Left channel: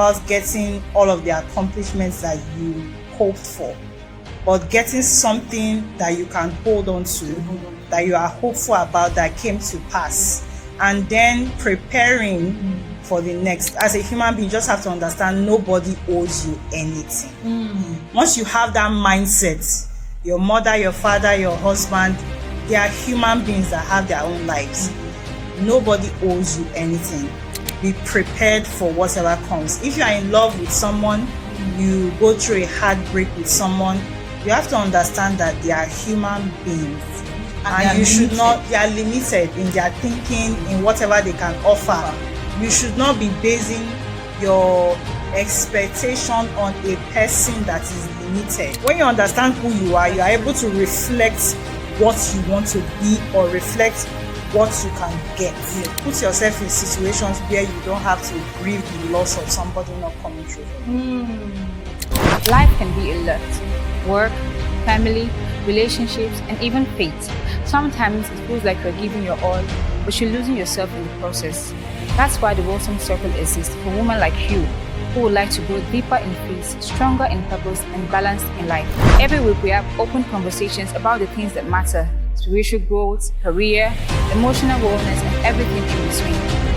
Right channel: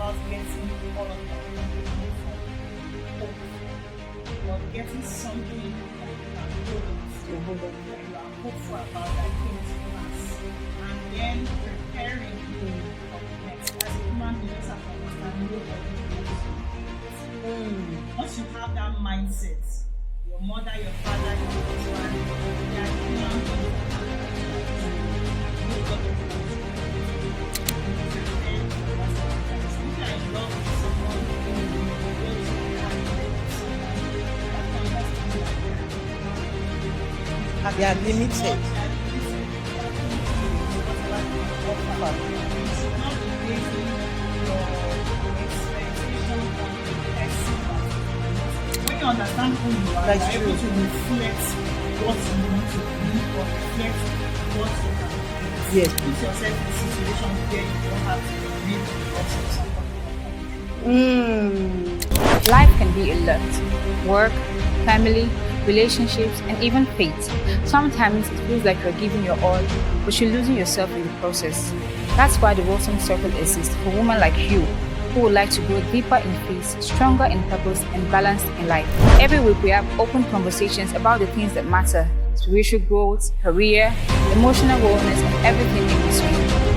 about getting all of the accomplishments that you hoped for, but getting something that you can hold on to, that you are hopeful about, that came to pass, and then preparing for the next. As a human being, you just have to understand nobody owes you anything. Once you have that mindset, your mother, your father, your husband, they are human beings that have their own lives. Nobody owes you anything. Be prepared for whatever comes. If you are in love with someone, you go through a heartbreak with someone, you have to understand that they are human beings. And you should not, they are limited in their thinking, in whatever they can offer. You should not be basing your expectation on a person that is limited. When you understand who you are, you are able to reflect what you want to be or reflect what you can get. Yes. Put yourself in situations where you don't have to grieve the loss of somebody not coming through. Life can be a lot. Work, family, relationships, and even fate. Sometimes it feels like you're giving your all, but you're losing yourself in the process. That's why the Wholesome Circle exists for women like you who would like to grow deeper in faith, stronger in purpose, and balanced in life. Every week we have open conversations about the things that matter: spiritual growth, career, emotional wellness, and everything in between.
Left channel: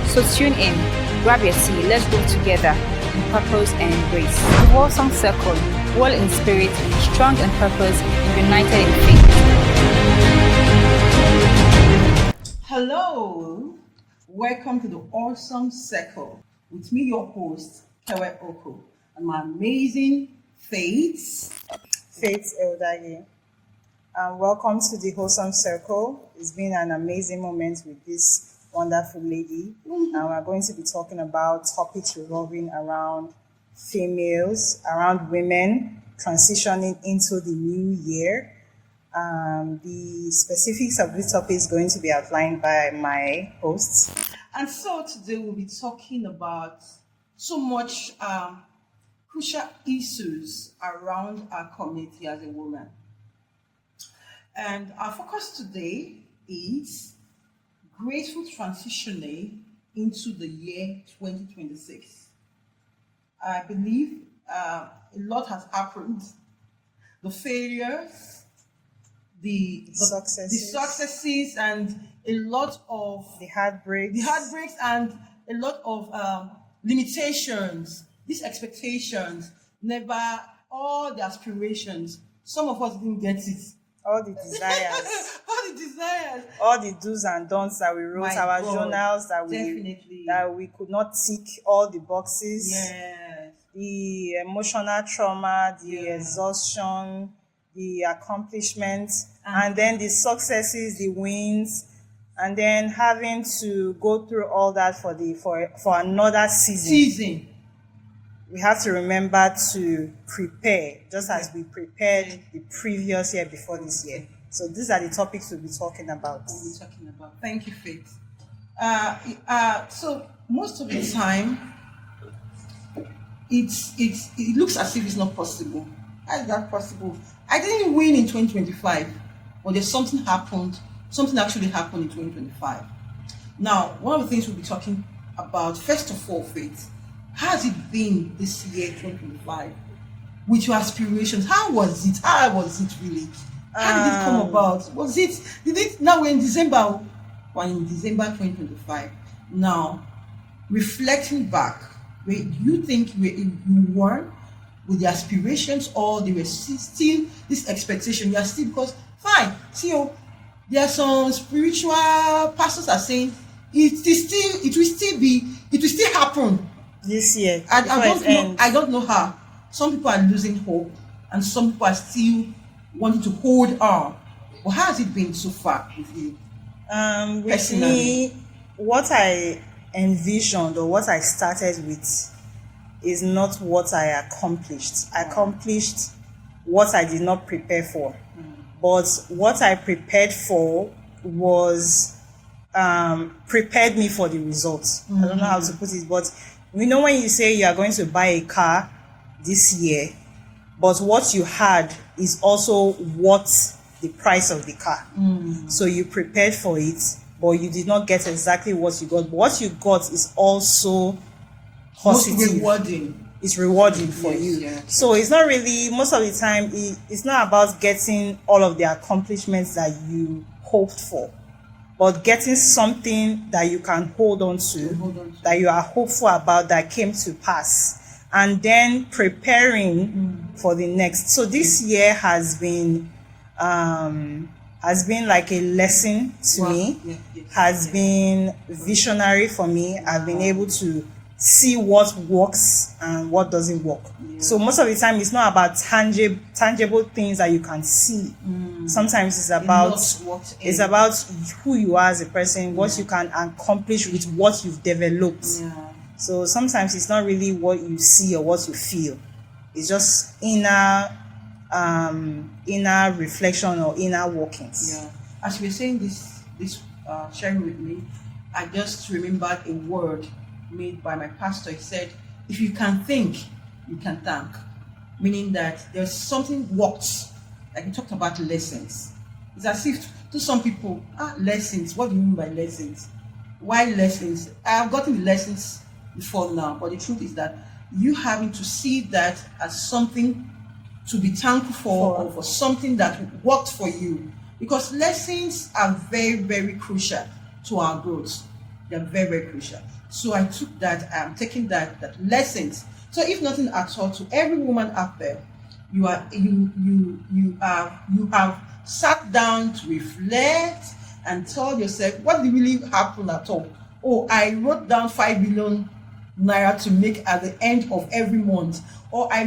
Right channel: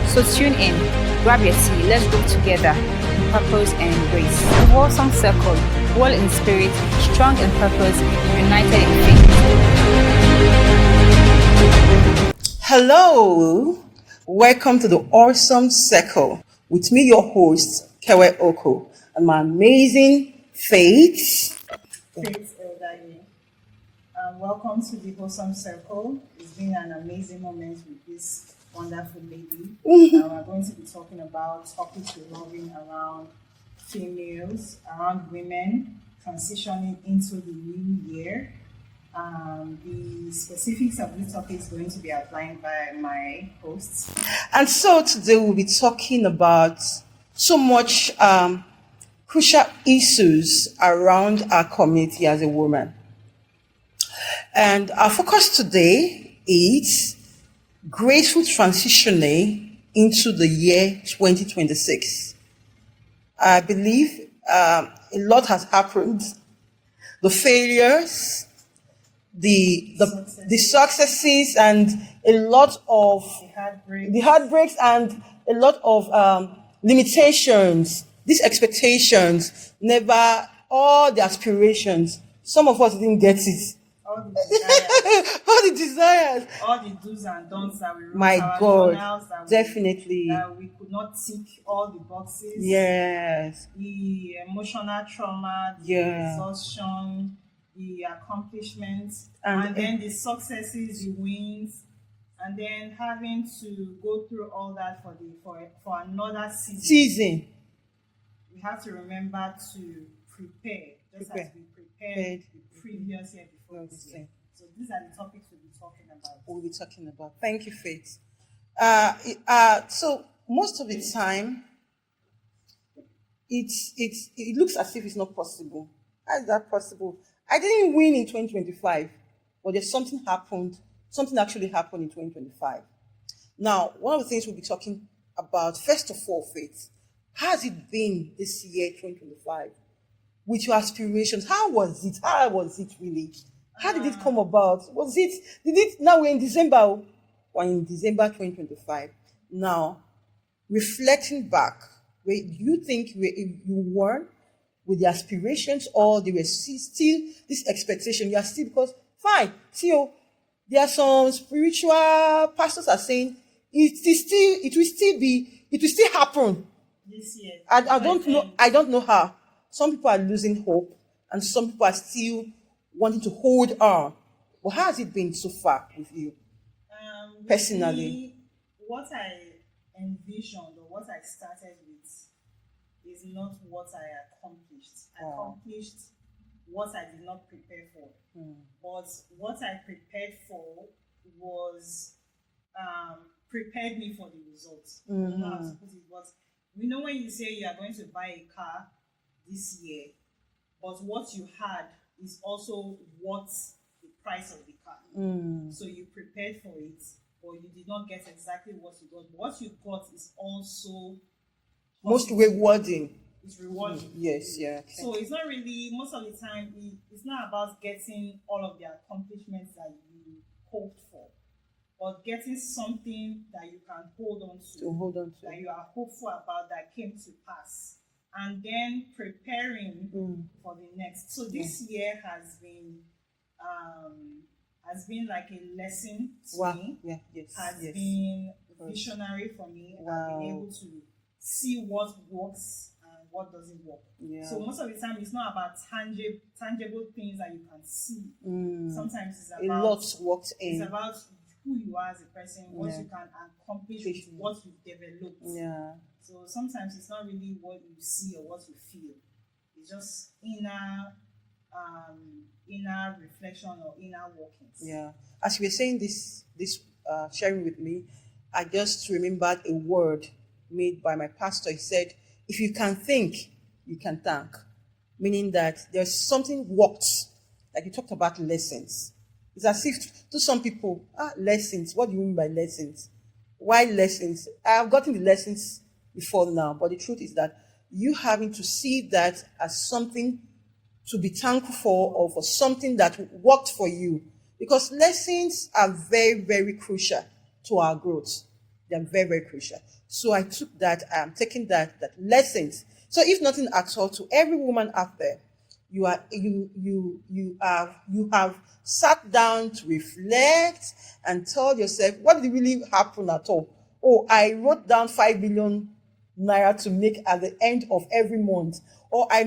So tune in, grab your tea, let's grow together in purpose and in grace. The Wholesome Circle, well in spirit, strong in purpose, and united in faith. Hello, welcome to the Awesome Circle with me, your host, Kewe Oko, and my amazing Faith Eldaye. Welcome to the Wholesome Circle. It's been an amazing moment with this wonderful lady. Now we're going to be talking about topics revolving around females, around women transitioning into the new year. The specifics of this topic is going to be outlined by my hosts. And so today we'll be talking about so much crucial issues around our community as a woman. And our focus today is graceful transitioning into the year 2026. I believe a lot has happened. The failures, the successes, and a lot of The heartbreaks. and a lot of limitations, these expectations, never all the aspirations. Some of us didn't get it. All the desires. All the desires. All the do's and don'ts that we wrote, My our God, journals definitely. that we could not tick all the boxes. Yes. The emotional trauma, the Yeah. exhaustion, the accomplishments, and then the successes, the wins, and then having to go through all that for another season. We have to remember to prepare, just as we prepared the previous year before this year. So these are the topics we'll be talking about. Thank you, Faith. So most of the time, it looks as if it's not possible. How is that possible? I didn't win in 2025, but there's something actually happened in 2025. Now, one of the things we'll be talking about, first of all, Faith, how has it been this year, 2025, with your aspirations? How was it? How was it really? How did it come about? Now we're in December, or in December 2025. Now, reflecting back, where do you think you were with the aspirations, or there were still this expectation? You are still, because fine, see, there are some spiritual pastors are saying it will still happen This year. I don't know how. Some people are losing hope, and some people are still wanting to hold on. But how has it been so far with you? With Personally. me, what I envisioned or what I started with is not what I accomplished. I accomplished what I did not prepare for. But what I prepared for was prepared me for the results. I don't know how to put it, but we know when you say you are going to buy a car this year, but what you had is also what the price of the car. So you prepared for it, but you did not get exactly what you got. But what you got is also Most positive. rewarding. It's rewarding for Yes, you. yeah. So it's not really, most of the time, it's not about getting all of the accomplishments that you hoped for, but getting something that you can hold on to, that you are hopeful about, that came to pass, and then preparing for the next. So this year has been like a lesson to me. Yeah, yes, Has yes. been visionary for me. I've been able to see what works and what doesn't work. So most of the time, it's not about tangible things that you can see. Sometimes it's about who you are as a person, what you can accomplish with what you've developed. Yeah. So sometimes it's not really what you see or what you feel. It's just inner reflection or inner workings. Yeah. As you were saying this sharing with me, I just remembered a word made by my pastor. He said, if you can think, you can thank. Meaning that there's something worked. Like we talked about lessons. It's as if to some people, lessons, what do you mean by lessons? Why lessons? I've gotten the lessons before now, but the truth is that you having to see that as something to be thankful for, or for something that worked for you. Because lessons are very, very crucial to our growth. They are very, very crucial. So I took that, I'm taking that lessons. So if nothing at all, to every woman out there, you have sat down to reflect and tell yourself, what did really happen at all? Oh, I wrote down 5 million naira to make at the end of every month. Or I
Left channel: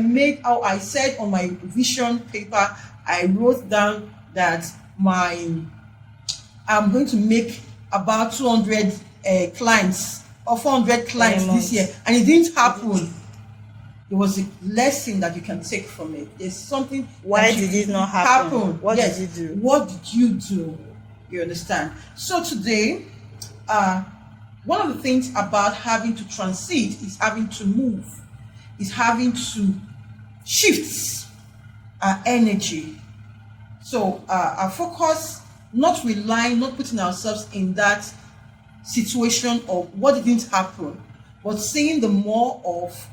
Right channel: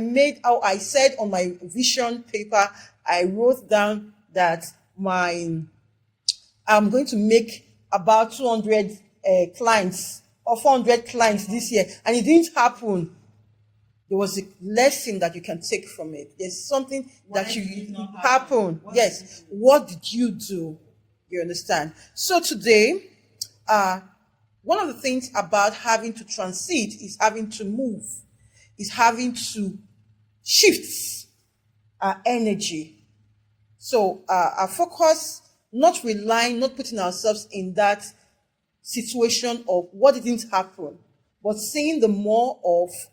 said on my vision paper, I wrote down that I'm going to make about 200 clients or 400 clients this year, and it didn't happen. There was a lesson that you can take from it. There's something. Why did it not happen? What did you do? What did you do? You understand? So today, one of the things about having to transit is having to move, is having to shift our energy. So our focus, not relying, not putting ourselves in that situation of what didn't happen, but seeing the more of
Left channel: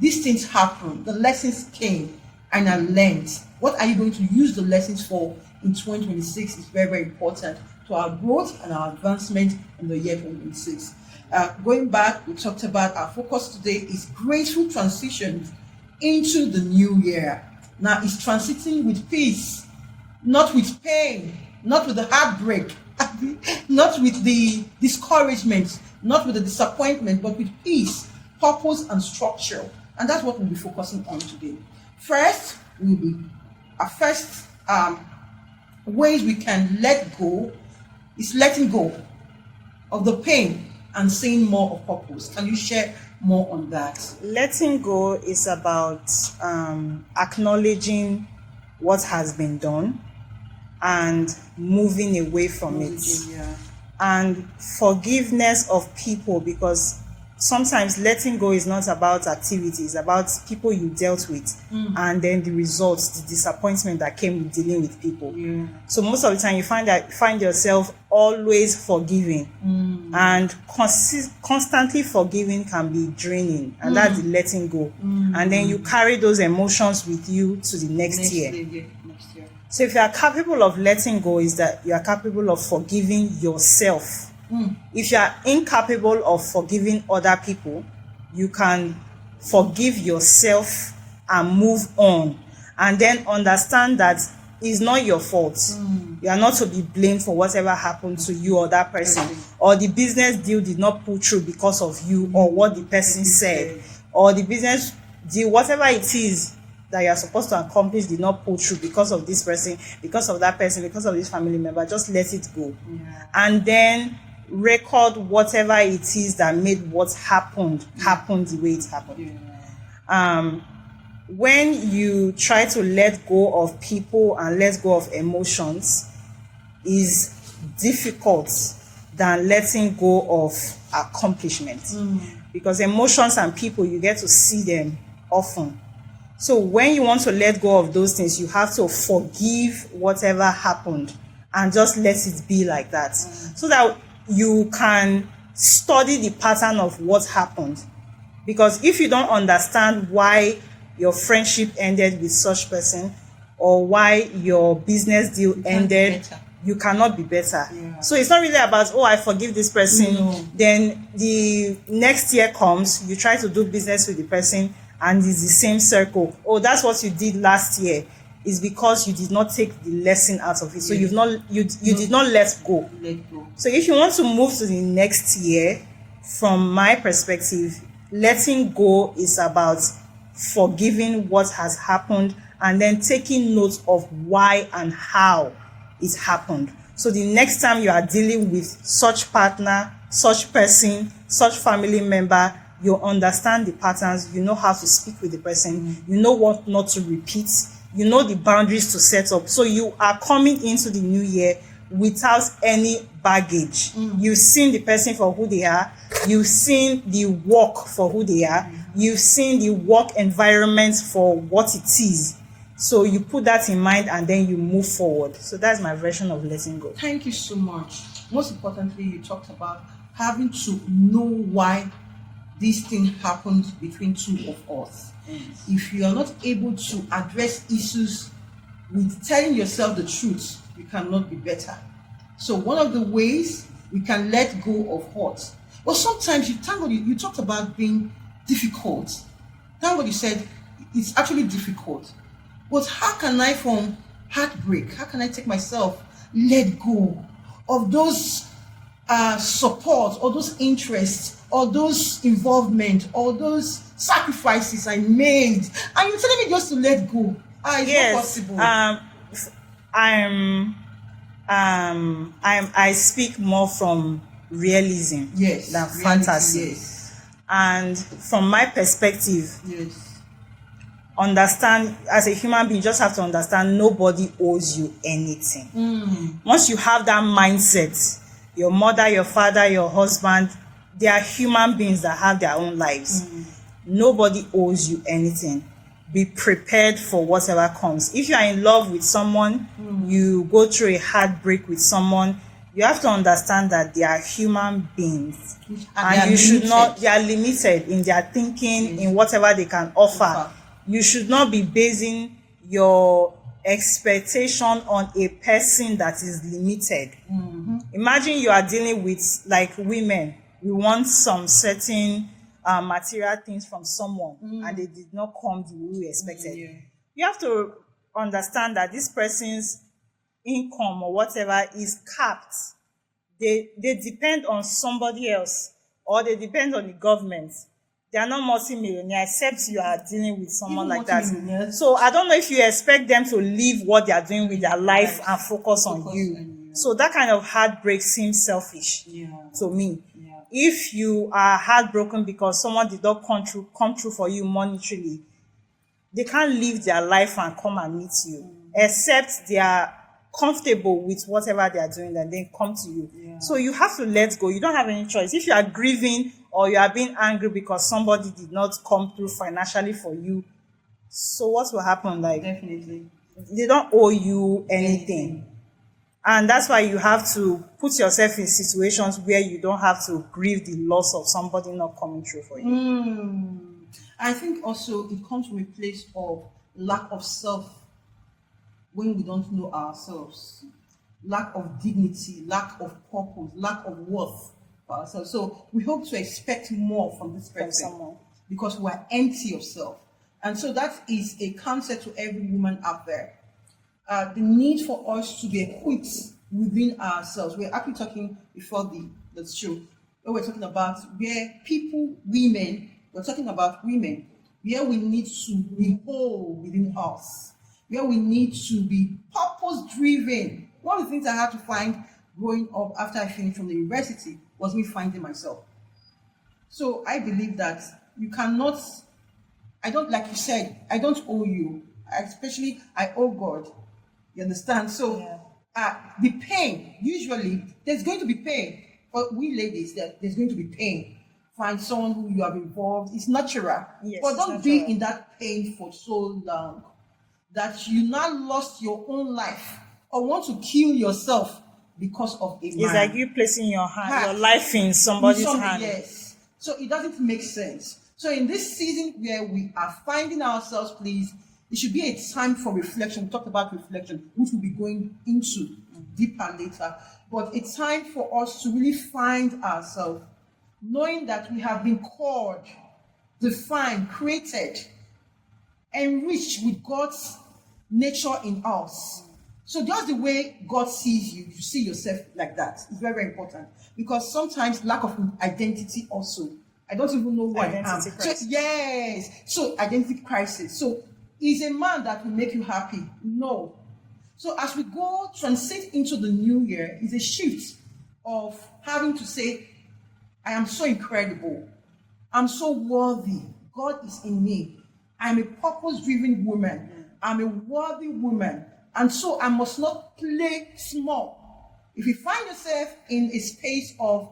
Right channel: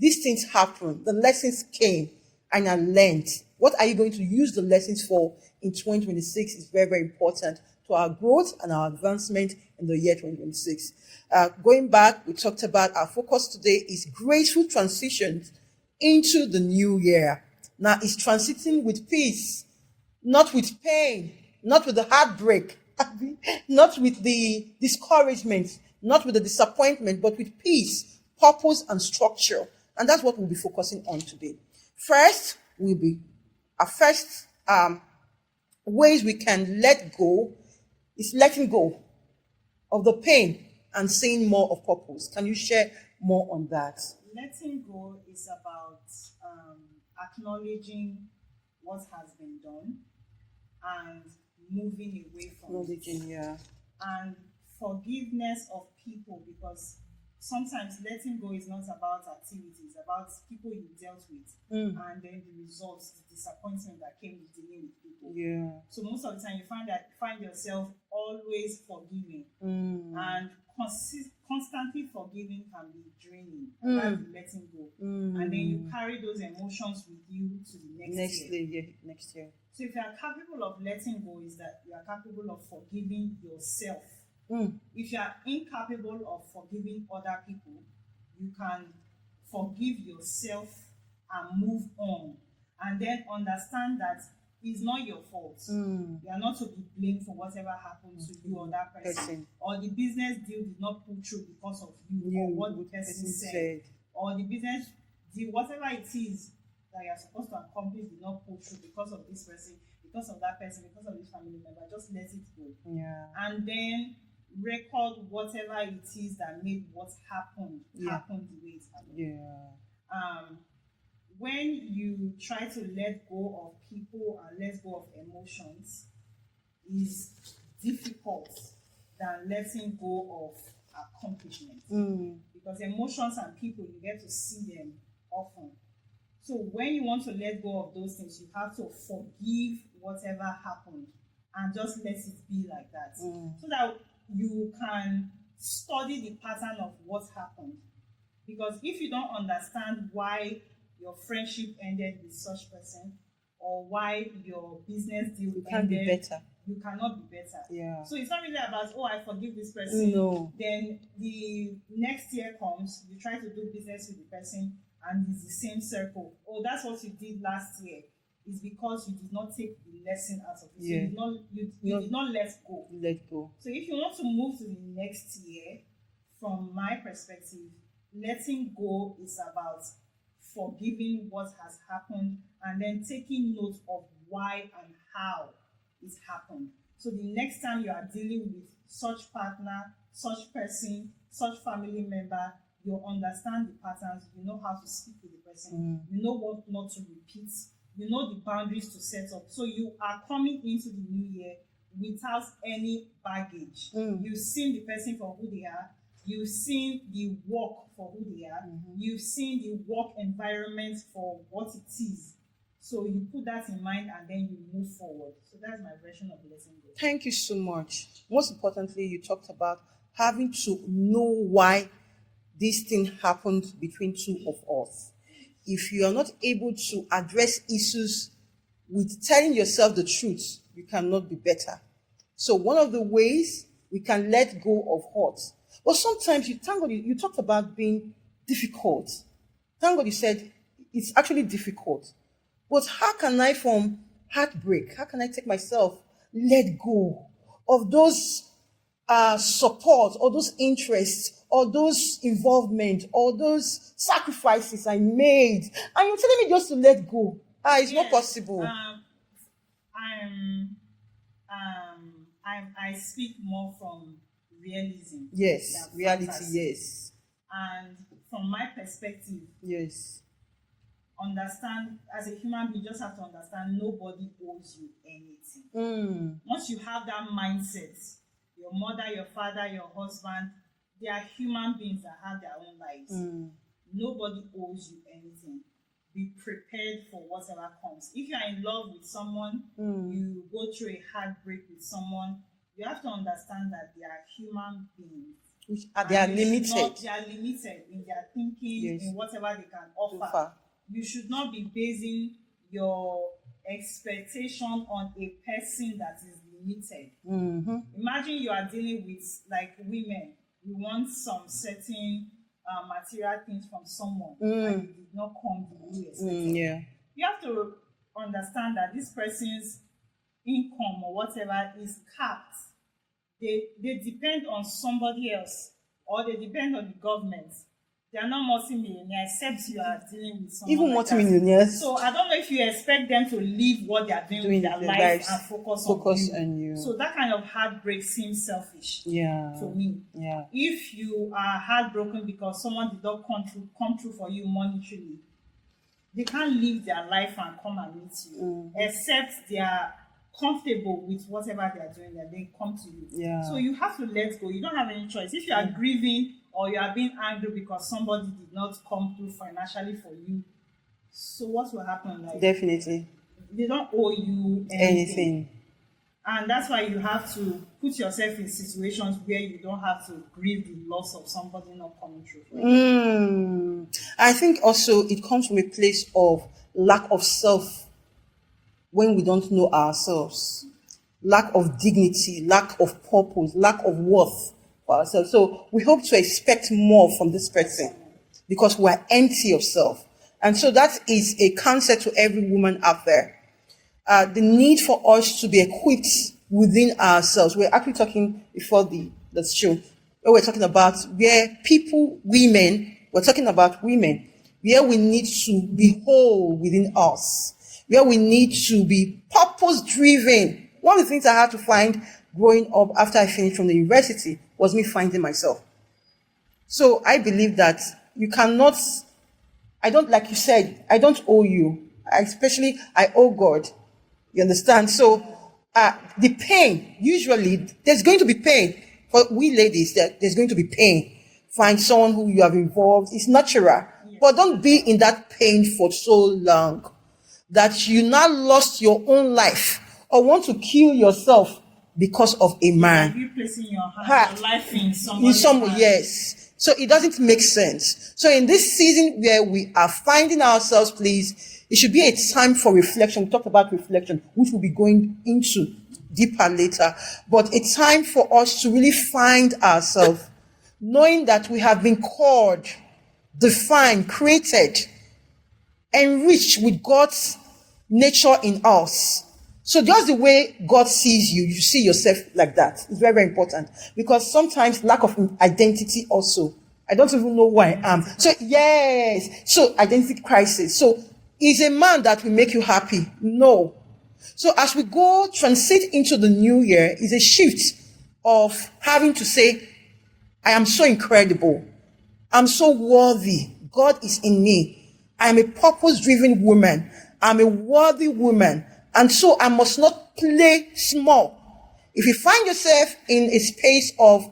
these things happen, the lessons came, and I learned. What are you going to use the lessons for in 2026 is very, very important to our growth and our advancement in the year 2026. Going back, we talked about our focus today is graceful transitions into the new year. Now, it's transiting with peace, not with pain, not with the heartbreak, not with the discouragement, not with the disappointment, but with peace, purpose, and structure. And that's what we'll be focusing on today. First, our first ways we can let go is letting go of the pain and seeing more of purpose. Can you share more on that? Letting go is about acknowledging what has been done and moving away from it. Yeah. And forgiveness of people, because sometimes letting go is not about activities, it's about people you dealt with and then the results, the disappointment that came with dealing with people. Yeah. So most of the time you find yourself always forgiving, and constantly forgiving can be draining, and that's the letting go. And then you carry those emotions with you to the next year. Next year. So if you are capable of letting go, is that you are capable of forgiving yourself. If you are incapable of forgiving other people, you can forgive yourself and move on, and then understand that it's not your fault. You are not to be blamed for whatever happened to you or that person, or the business deal did not pull through because of you or what the person said, or the business deal, whatever it is that you are supposed to accomplish, did not pull through because of this person, because of that person, because of this family member. Just let it go. And then record whatever it is that made what happened happen the way it happened. When you try to let go of people and let go of emotions, is difficult than letting go of accomplishments. Because emotions and people, you get to see them often. So when you want to let go of those things, you have to forgive whatever happened and just let it be like that. So that you can study the pattern of what happened Because if you don't understand why your friendship ended with such person, or why your business deal ended, you cannot be better. Yeah. So it's not really about, oh, I forgive this person. No. Then the next year comes, you try to do business with the person, and it's the same circle. Oh, that's what you did last year. Is because you did not take the lesson out of it. So Yes. you did not let go. Let go. So if you want to move to the next year, from my perspective, letting go is about forgiving what has happened and then taking note of why and how it happened. So the next time you are dealing with such partner, such person, such family member, you understand the patterns, you know how to speak with the person, you know what not to repeat, you know the boundaries to set up. So you are coming into the new year without any baggage. You've seen the person for who they are, you've seen the work for who they are, you've seen the work environment for what it is. So you put that in mind and then you move forward. So that's my version of letting go. Thank you so much. Most importantly, you talked about having to know why this thing happened between two of us. If you are not able to address issues with telling yourself the truth, you cannot be better. So one of the ways we can let go of hurt. Well, sometimes you talked about being difficult. Thank God you said it's actually difficult. But how can I, from heartbreak, how can I take myself, let go of those support or those interests or those involvement or those sacrifices I made? And you're telling me just to let go. It's not possible. I speak more from realism than reality, fantasy. Yes. And from my perspective, Yes. understand, as a human being, you just have to understand nobody owes you anything. Once you have that mindset, your mother, your father, your husband, they are human beings that have their own lives. Nobody owes you anything. Be prepared for whatever comes. If you are in love with someone, you go through a heartbreak with someone, you have to understand that they are human beings. And you should not, they are limited in their thinking, in whatever they can offer. You should not be basing your expectation on a person that is limited. Imagine you are dealing with, like, women. We want some certain material things from someone and they did not come the way we expected. You have to understand that this person's income or whatever is capped. They depend on somebody else, or they depend on the government. They are not multi-millionaire, except you are dealing with someone Even like that. multi-millionaires. So I don't know if you expect them to leave what they are doing with their life and focus on you. So that kind of heartbreak seems selfish to me. If you are heartbroken because someone did not come through for you monetarily, they can't leave their life and come and meet you, except they are comfortable with whatever they are doing and then come to you. So you have to let go. You don't have any choice. If you are grieving or you are being angry because somebody did not come through financially for you, so what will happen? Like, Definitely. They don't owe you anything. And that's why you have to put yourself in situations where you don't have to grieve the loss of somebody not coming through for you. I think also it comes from a place of lack of self when we don't know ourselves, lack of dignity, lack of purpose, lack of worth for ourselves. So we hope to expect more from this person because we're empty of self. And so that is a counsel to every woman out there. The need for us to be equipped within ourselves. We're actually talking before the show, where we're talking about where we're talking about women, where we need to be whole within us, where we need to be purpose-driven. One of the things I had to find growing up after I finished from the university was me finding myself. So I believe that you cannot, like you said, I don't owe you. I owe God. You understand? So the pain, usually, there's going to be pain. For we ladies, there's going to be pain. Find someone who you have involved. It's natural. But don't be in that pain for so long that you now lost your own life or want to kill yourself because of a man. It's like you placing your life in somebody's hand. Yes. So it doesn't make sense. So in this season where we are finding ourselves, please, it should be a time for reflection. We talked about reflection, which we'll be going into deeper later, but a time for us to really find ourselves, knowing that we have been called, defined, created, enriched with God's nature in us. So just the way God sees you, you see yourself like that. It's very, very important, because sometimes lack of identity also. I don't even know who I am. So yes, so identity crisis. So is a man that will make you happy? No. So as we go transit into the new year, is a shift of having to say, I am so incredible. I'm so worthy. God is in me. I am a purpose-driven woman. I'm a worthy woman. And so I must not play small. If you find yourself in a space of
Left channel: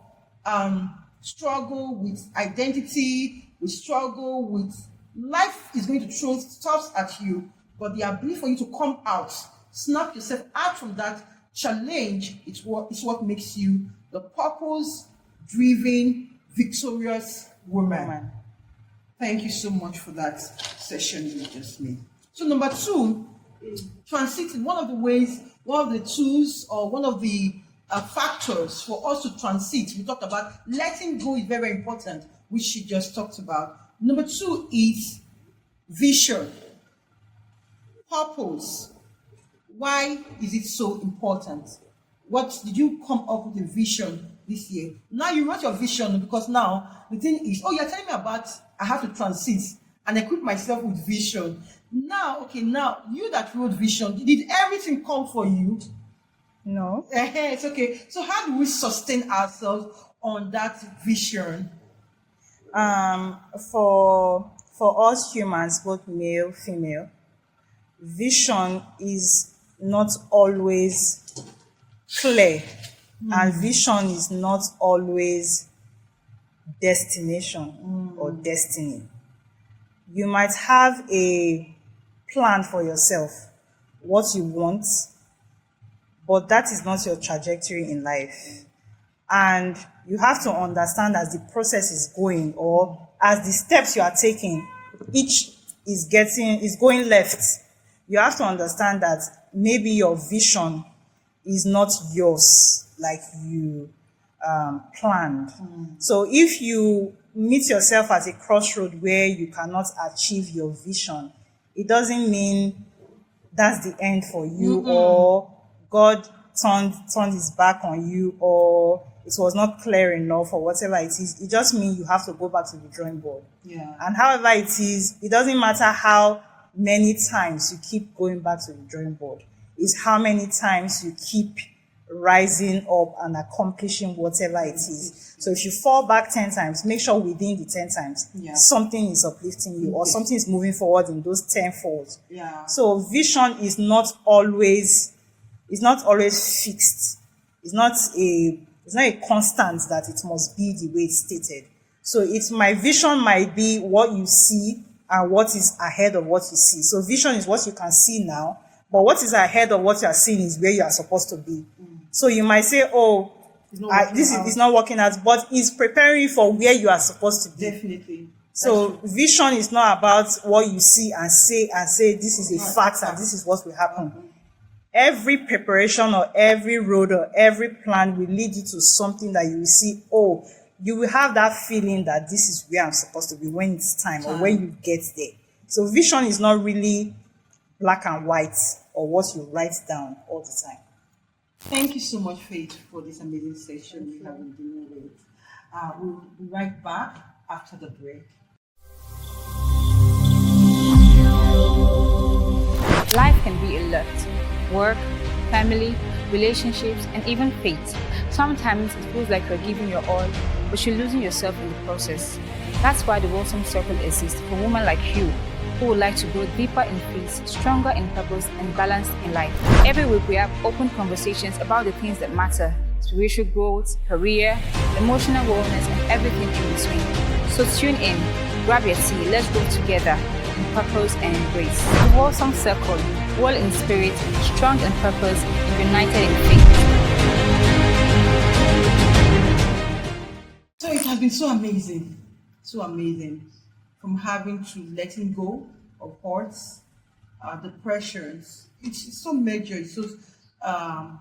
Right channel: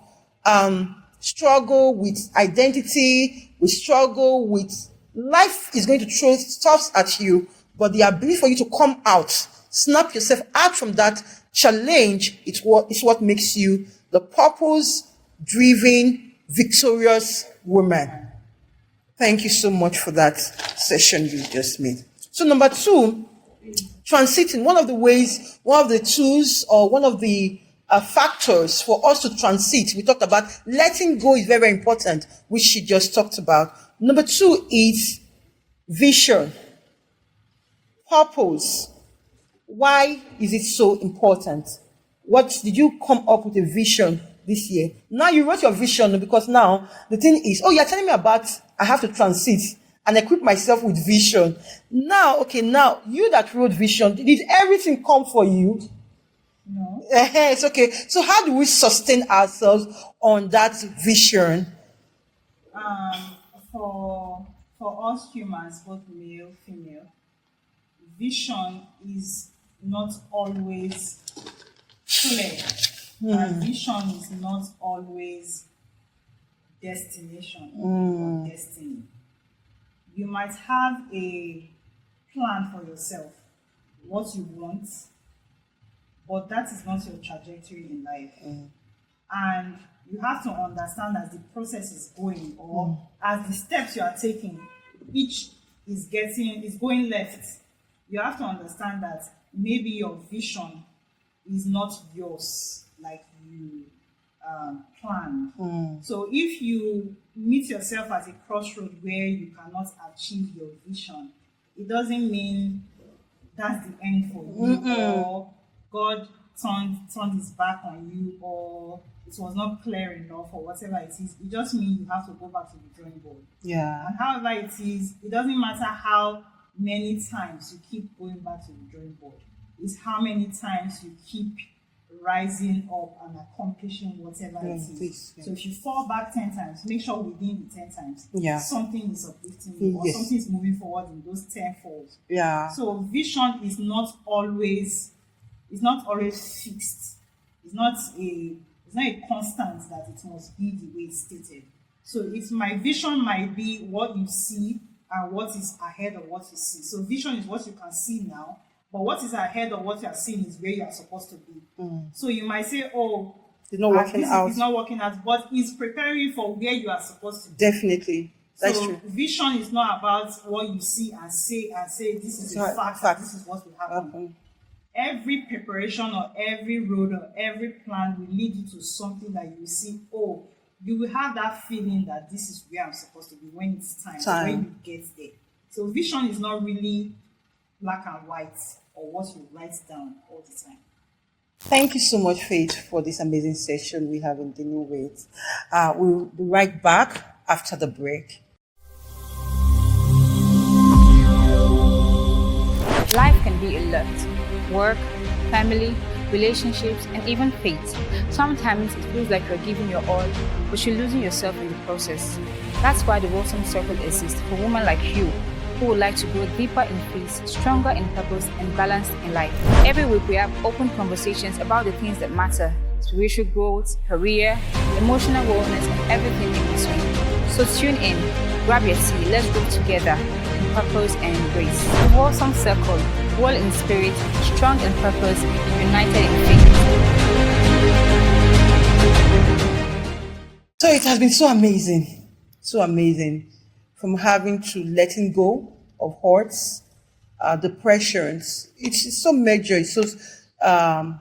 struggle with identity, with struggle with life is going to throw stuff at you, but the ability for you to come out, snap yourself out from that challenge, is what makes you the purpose-driven, victorious woman. Thank you so much for that session you just made. So number 2, transiting. One of the ways, one of the tools, or one of the factors for us to transit, we talked about letting go is very, very important, which she just talked about. Number 2 is vision, purpose. Why is it so important? What did you come up with a vision this year? Now you wrote your vision, because now the thing is, you're telling me about I have to transit and equip myself with vision. Now, now you that wrote vision, did everything come for you? No. It's okay. So how do we sustain ourselves on that vision? For us humans, both male, female, vision is not always clear, and vision is not always destination or destiny. You might have a plan for yourself, what you want, but that is not your trajectory in life. And you have to understand, as the process is going, or as the steps you are taking, each is going left. You have to understand that maybe your vision is not yours like you planned. So if you meet yourself at a crossroad where you cannot achieve your vision, it doesn't mean that's the end for you, or God turned his back on you, or it was not clear enough, or whatever it is. It just means you have to go back to the drawing board. Yeah. And however it is, it doesn't matter how many times you keep going back to the drawing board. It's how many times you keep rising up and accomplishing whatever it is. So if you fall back 10 times, make sure within the 10 times, something is uplifting you, or something is moving forward in those 10 folds. Yeah. So vision is not always fixed. It's not a constant that it must be the way it's stated. So my vision might be what you see and what is ahead of what you see. So vision is what you can see now, but what is ahead of what you are seeing is where you are supposed to be. So you might say, it's not working out, but it's preparing you for where you are supposed to be. Definitely. So vision is not about what you see and say this is a fact and this is what will happen. Every preparation or every road or every plan will lead you to something that you will see, you will have that feeling that this is where I'm supposed to be when it's time. Or when you get there. So vision is not really black and white or what you write down all the time. Thank you so much, Faith, for this amazing session we have in the New Ways. We'll be right back after the break. Life can be a lot. Work, family, relationships, and even faith. Sometimes it feels like you're giving your all, but you're losing yourself in the process. That's why the Wholesome Circle exists for women like you who would like to grow deeper in faith, stronger in purpose, and balanced in life. Every week we have open conversations about the things that matter: spiritual growth, career, emotional wellness, and everything in between. So tune in, grab your tea, let's grow together in purpose and grace. The Wholesome Circle, well in spirit, strong in purpose, united in faith. So it has been so amazing. So amazing. From having to letting go of hurts, depressions. It's so major. It's so um,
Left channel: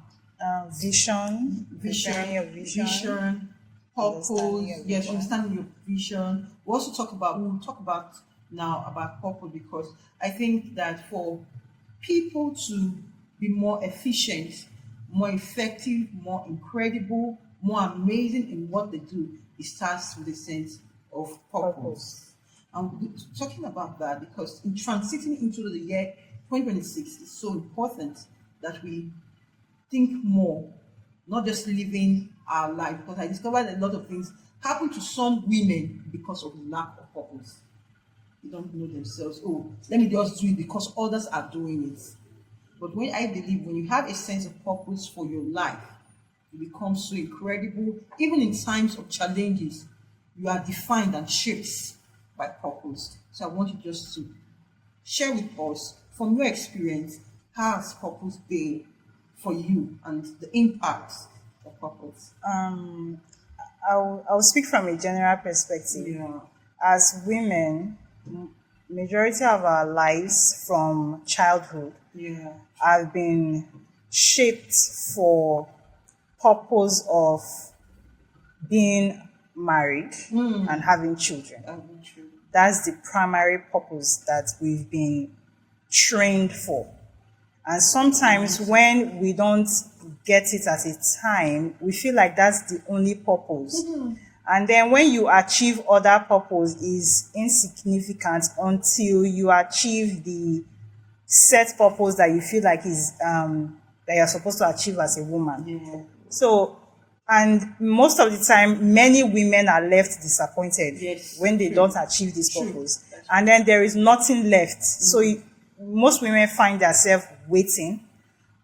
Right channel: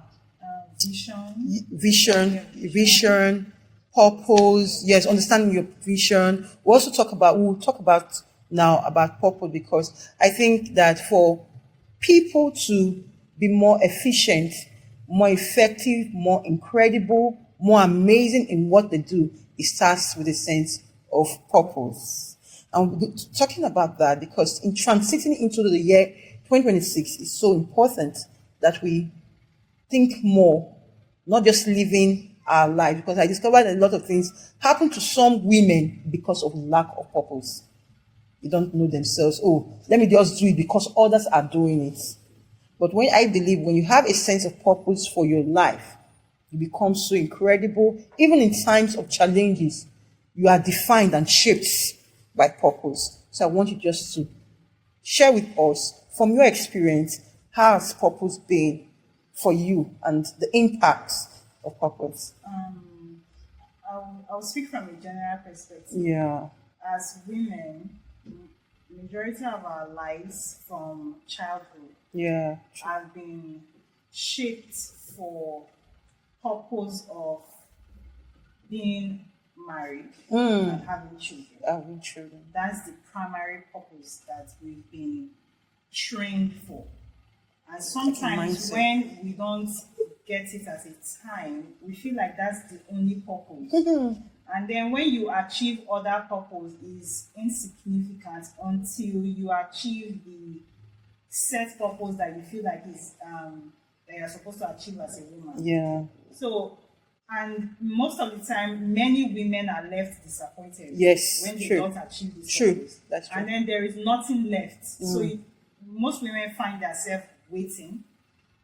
Vision, vision, defining your vision, vision, understanding purpose. your Yes, vision. understanding your vision. We'll talk about now about purpose, because I think that for people to be more efficient, more effective, more incredible, more amazing in what they do, it starts with a sense of purpose. And we're talking about that because in transiting into the year 2026, it's so important that we think more, not just living our life. Because I discovered a lot of things happen to some women because of lack of purpose. They don't know themselves. Oh, let me just do it because others are doing it. But I believe when you have a sense of purpose for your life, you become so incredible. Even in times of challenges, you are defined and shaped by purpose. So I want you just to share with us from your experience, how has purpose been for you and the impacts of purpose? I'll speak from a general perspective. Yeah. As women, majority of our lives from childhood Yeah. have been shaped for purpose of being married and having children. Having children. That's the primary purpose that we've been trained for. And sometimes when we don't get it at a time, we feel like that's the only purpose. And then when you achieve other purpose is insignificant until you achieve the set purpose that you feel like is that you're supposed to achieve as a woman. Yeah. So, and most of the time, many women are left disappointed Yes, when they true. don't achieve this True. purpose. That's true. And then there is nothing left. So most women find themselves waiting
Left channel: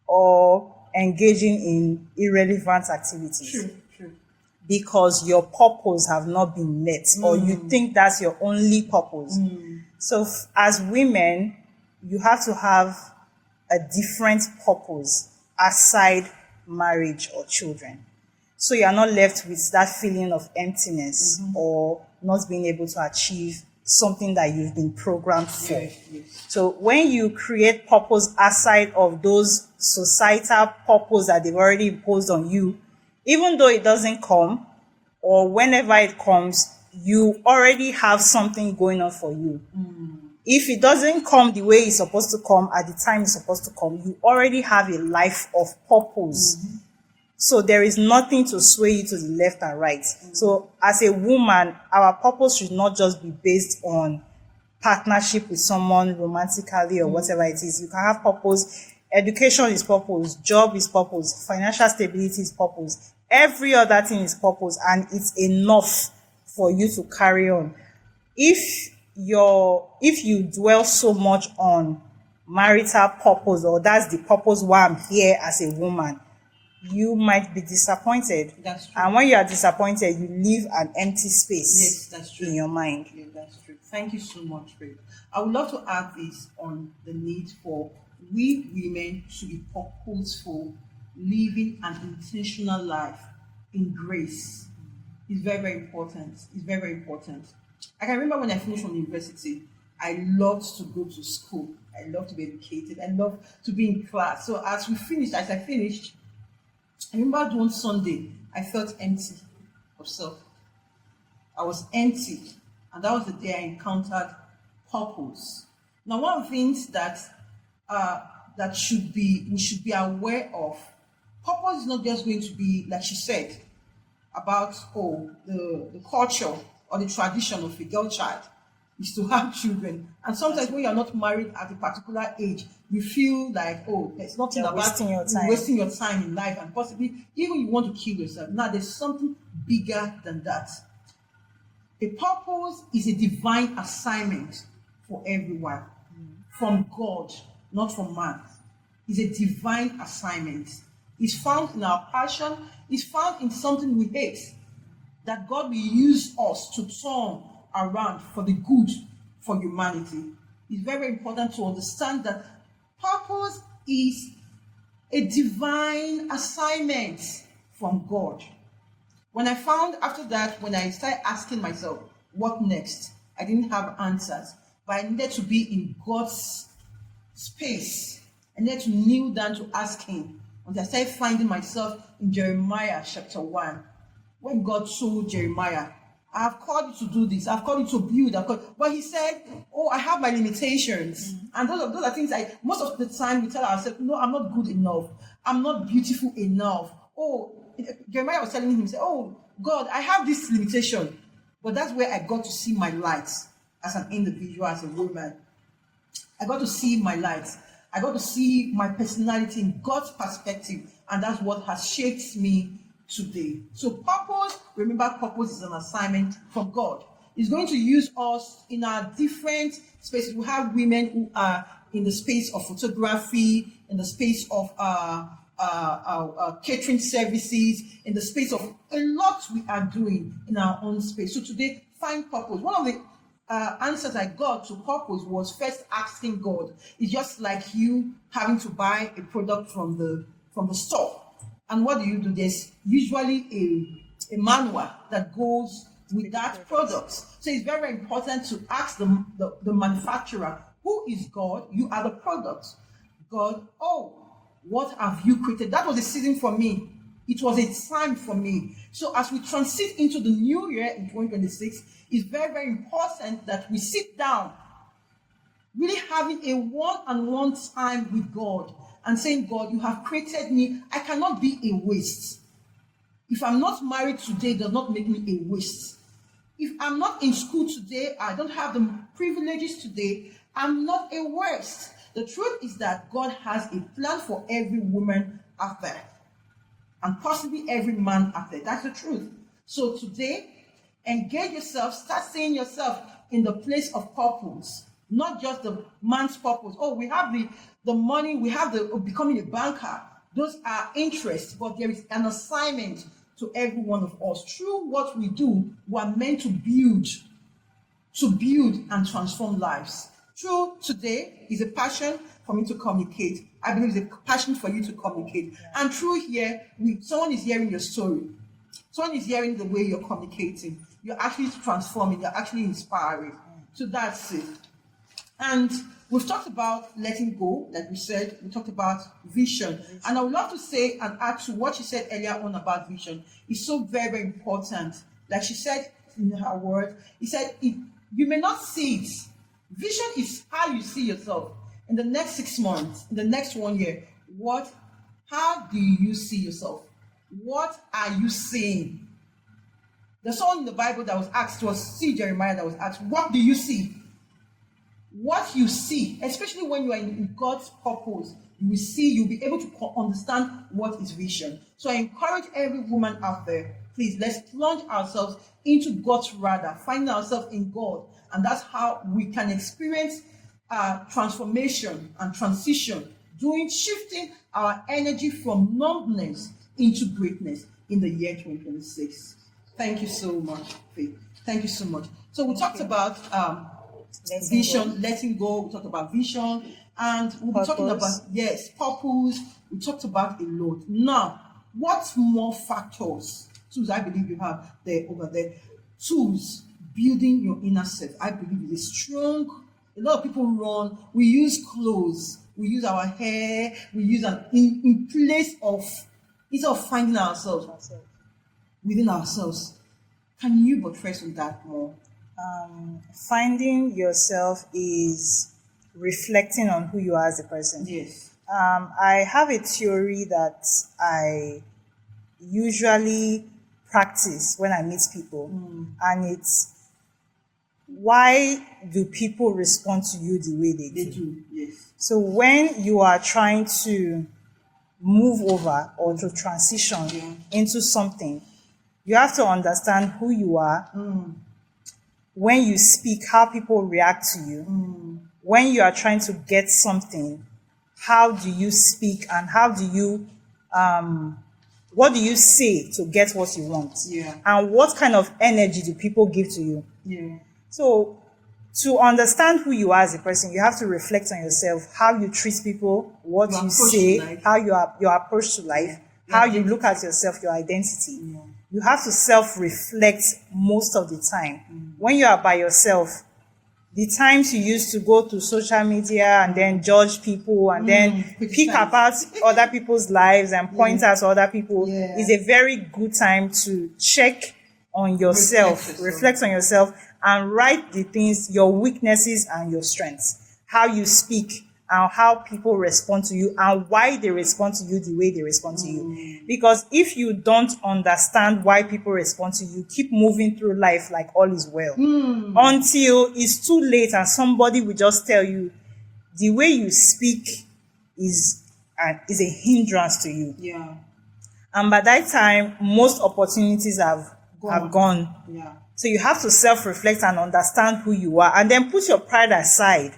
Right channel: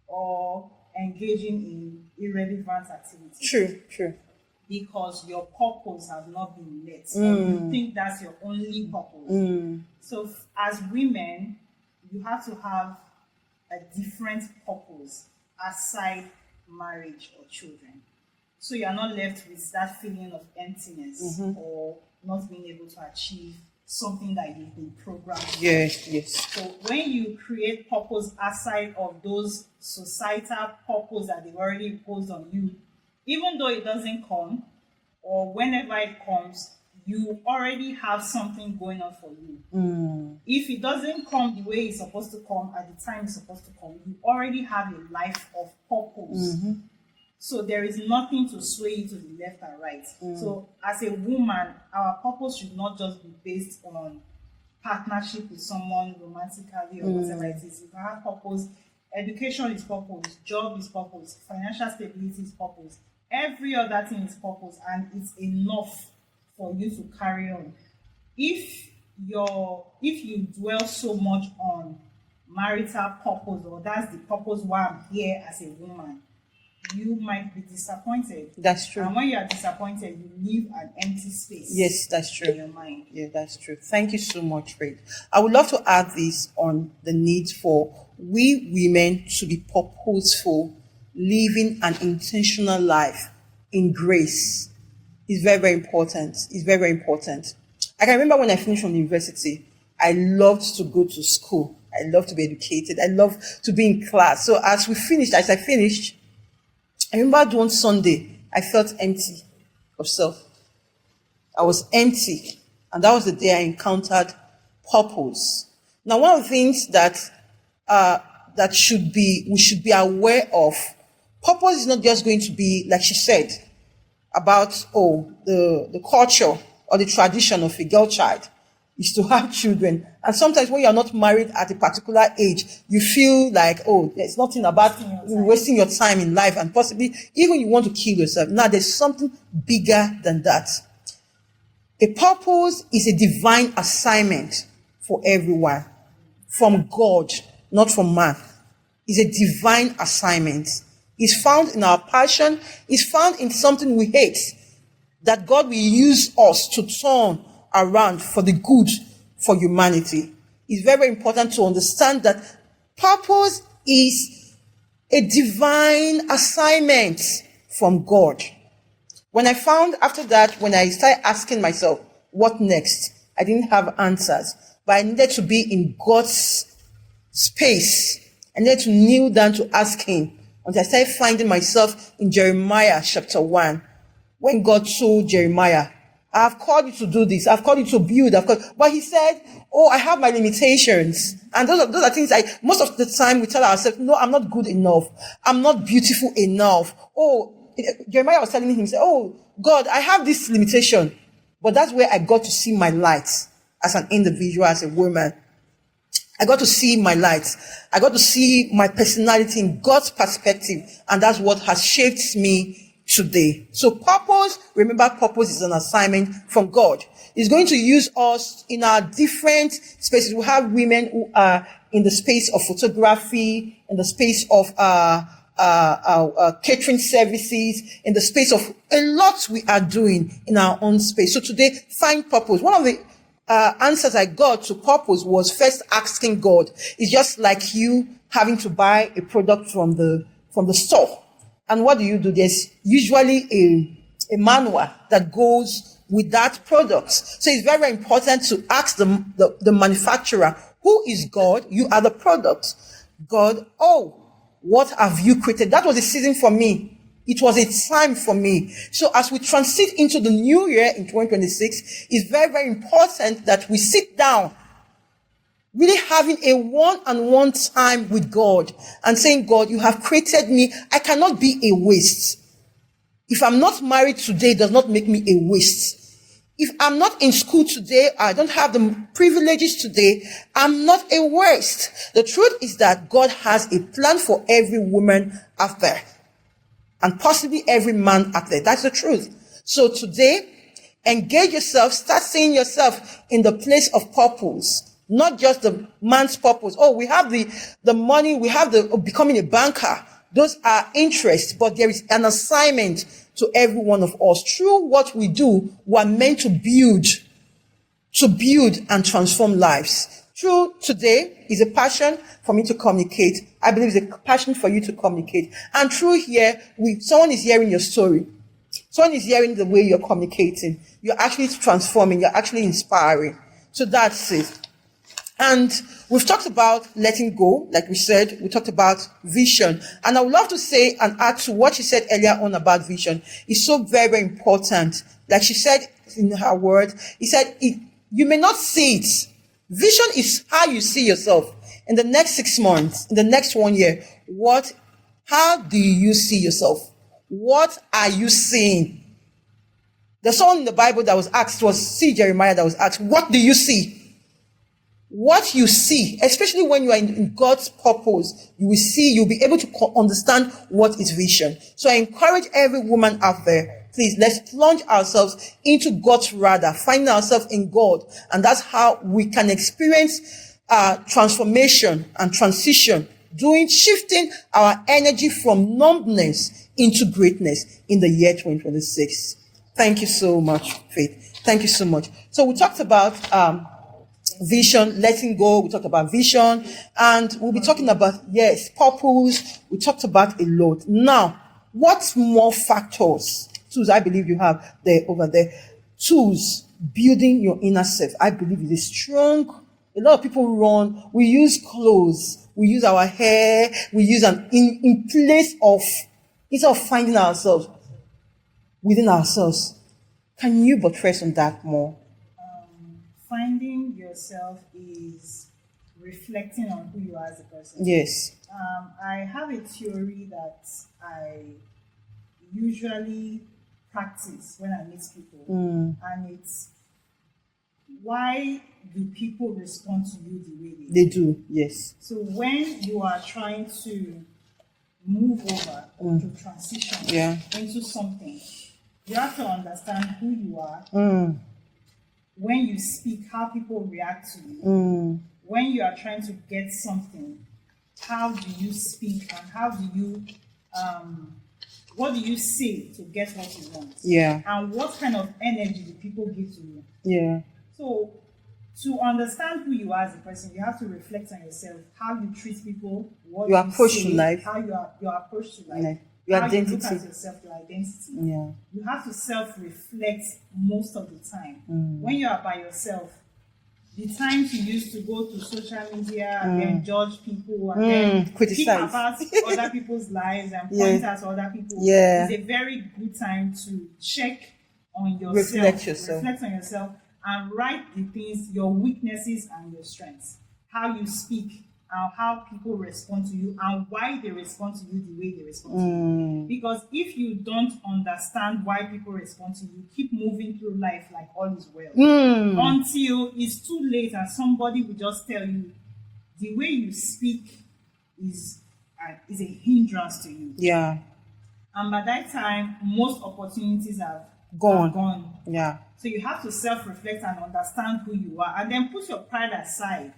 or engaging in irrelevant activities. True. Because your purpose have not been met or you think that's your only purpose. So as women, you have to have a different purpose aside marriage or children. So you are not left with that feeling of emptiness or not being able to achieve something that you've been programmed for. Yes. So when you create purpose aside of those societal purpose that they've already imposed on you, even though it doesn't come or whenever it comes, you already have something going on for you. If it doesn't come the way it's supposed to come at the time it's supposed to come, you already have a life of purpose. So there is nothing to sway you to the left and right. So as a woman, our purpose should not just be based on partnership with someone romantically or whatever it is. You can have purpose. Education is purpose. Job is purpose. Financial stability is purpose. Every other thing is purpose, and it's enough for you to carry on. If you dwell so much on marital purpose, or that's the purpose why I'm here as a woman, you might be disappointed. That's true. And when you are disappointed, you leave an empty space. Yes, that's true. In your mind. Yeah, that's true. Thank you so much, Faith. I would love to add this on the need for we women to be purposeful, living an intentional life in grace. It's very, very important. It's very, very important. I can remember when I finished from university, I loved to go to school. I loved to be educated. I loved to be in class. So as I finished, I remember one Sunday, I felt empty of self. I was empty. And that was the day I encountered purpose. Now, one of the things that we should be aware of, purpose is not just going to be, like she said, about, the culture or the tradition of a girl child is to have children. And sometimes when you're not married at a particular age, you feel like, there's nothing about wasting your time in life, and possibly even you want to kill yourself. Now, there's something bigger than that. A purpose is a divine assignment for everyone from God, not from man. It's a divine assignment. It's found in our passion. It's found in something we hate, that God will use us to turn around for the good for humanity. It's very important to understand that purpose is a divine assignment from God. When I found after that, when I started asking myself, what next. I didn't have answers, but I needed to be in God's space. I needed to kneel down to ask him until I started finding myself in Jeremiah chapter 1, when God told Jeremiah, I have called you to do this. I've called you to build. But he said, oh, I have my limitations. And those are things most of the time we tell ourselves, no, I'm not good enough. I'm not beautiful enough. Oh, Jeremiah was telling him, say, oh, God, I have this limitation. But that's where I got to see my light as an individual, as a woman. I got to see my light. I got to see my personality in God's perspective. And that's what has shaped me today. So purpose, remember, purpose is an assignment from God. He's going to use us in our different spaces. We have women who are in the space of photography, in the space of catering services, in the space of a lot we are doing in our own space. So today, find purpose. One of the answers I got to purpose was first asking God. It's just like you having to buy a product from the store. And what do? There's usually a manual that goes with that product. So it's very, very important to ask the manufacturer, who is God? You are the product. God, oh, what have you created? That was a season for me. It was a time for me. So as we transit into the new year in 2026, it's very, very important that we sit down, really having a one-on-one time with God and saying, God, you have created me. I cannot be a waste. If I'm not married today, it does not make me a waste. If I'm not in school today, I don't have the privileges today, I'm not a waste. The truth is that God has a plan for every woman out there, and possibly every man out there. That's the truth. So today, engage yourself, start seeing yourself in the place of purpose, not just the man's purpose. Oh, we have the money, we have the becoming a banker. Those are interests, but there is an assignment to every one of us. Through what we do, we are meant to build and transform lives. Through today is a passion for me to communicate. I believe it's a passion for you to communicate. And through here, someone is hearing your story. Someone is hearing the way you're communicating. You're actually transforming. You're actually inspiring. So that's it. And we've talked about letting go. Like we said, we talked about vision. And I would love to say and add to what she said earlier on about vision. It's so very, very important. Like she said in her words, he said, you may not see it. Vision is how you see yourself in the next 6 months, in the next 1 year. How do you see yourself? What are you seeing? There's someone in the Bible that was asked, it was Jeremiah that was asked, what do you see? What you see, especially when you are in God's purpose, you'll be able to understand what is vision. So I encourage every woman out there, please, let's plunge ourselves into God's radar, find ourselves in God. And that's how we can experience transformation and transition, shifting our energy from numbness into greatness in the year 2026. Thank you so much, Faith. Thank you so much. So we talked about vision, letting go. We talked about vision, and we'll be talking about, purpose. We talked about a lot. Now, what more factors, tools I believe you have over there? Tools, building your inner self. I believe it is strong. A lot of people we use clothes, we use our hair, we use in place of, instead of finding ourselves within ourselves. Can you buttress on that more? Finding yourself is reflecting on who you are as a person. Yes. I have a theory that I usually practice when I meet people, and it's, why do people respond to you the way they do? Yes. So when you are trying to move over or to transition into something, you have to understand who you are. When you speak, how people react to you. When you are trying to get something, how do you speak, and how do you, what do you say to get what you want? Yeah. And what kind of energy do people give to you? Yeah. So to understand who you are as a person, you have to reflect on yourself, how you treat people, what you say, how your approach to life. how you look at yourself, your identity. Yeah. You have to self-reflect most of the time. When you are by yourself, the times you used to go to social media and then judge people and then Criticize. pick apart other people's lives and point out to other people is a very good time to check on yourself, reflect on yourself, and write the things, your weaknesses and your strengths, how you speak and how people respond to you and why they respond to you the way they respond to you. Because if you don't understand why people respond to you, keep moving through life like all is well until it's too late and somebody will just tell you the way you speak is a hindrance to you. Yeah. And by that time, most opportunities have gone. Yeah. So you have to self-reflect and understand who you are and then put your pride aside.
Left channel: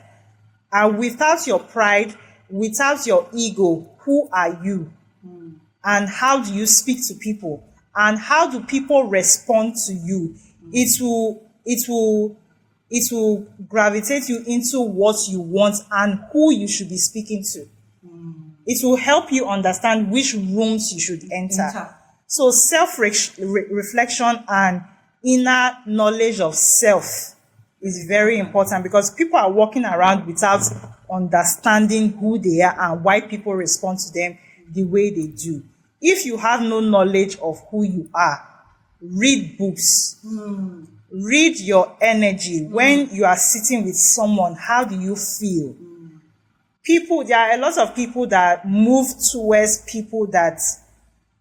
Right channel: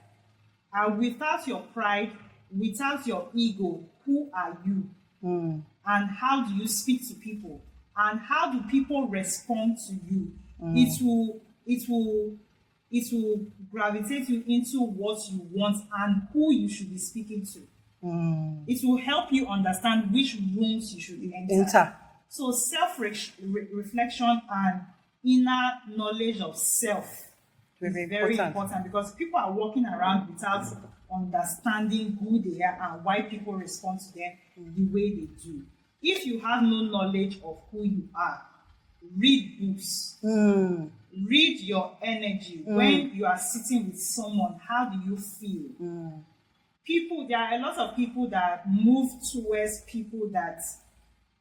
And without your pride, without your ego, who are you? And how do you speak to people? And how do people respond to you? It will gravitate you into what you want and who you should be speaking to. It will help you understand which rooms you should enter. So self-reflection and inner knowledge of self is very important because people are walking around without understanding who they are and why people respond to them the way they do. If you have no knowledge of who you are, read books. Read your energy. When you are sitting with someone, how do you feel? There are a lot of people that move towards people that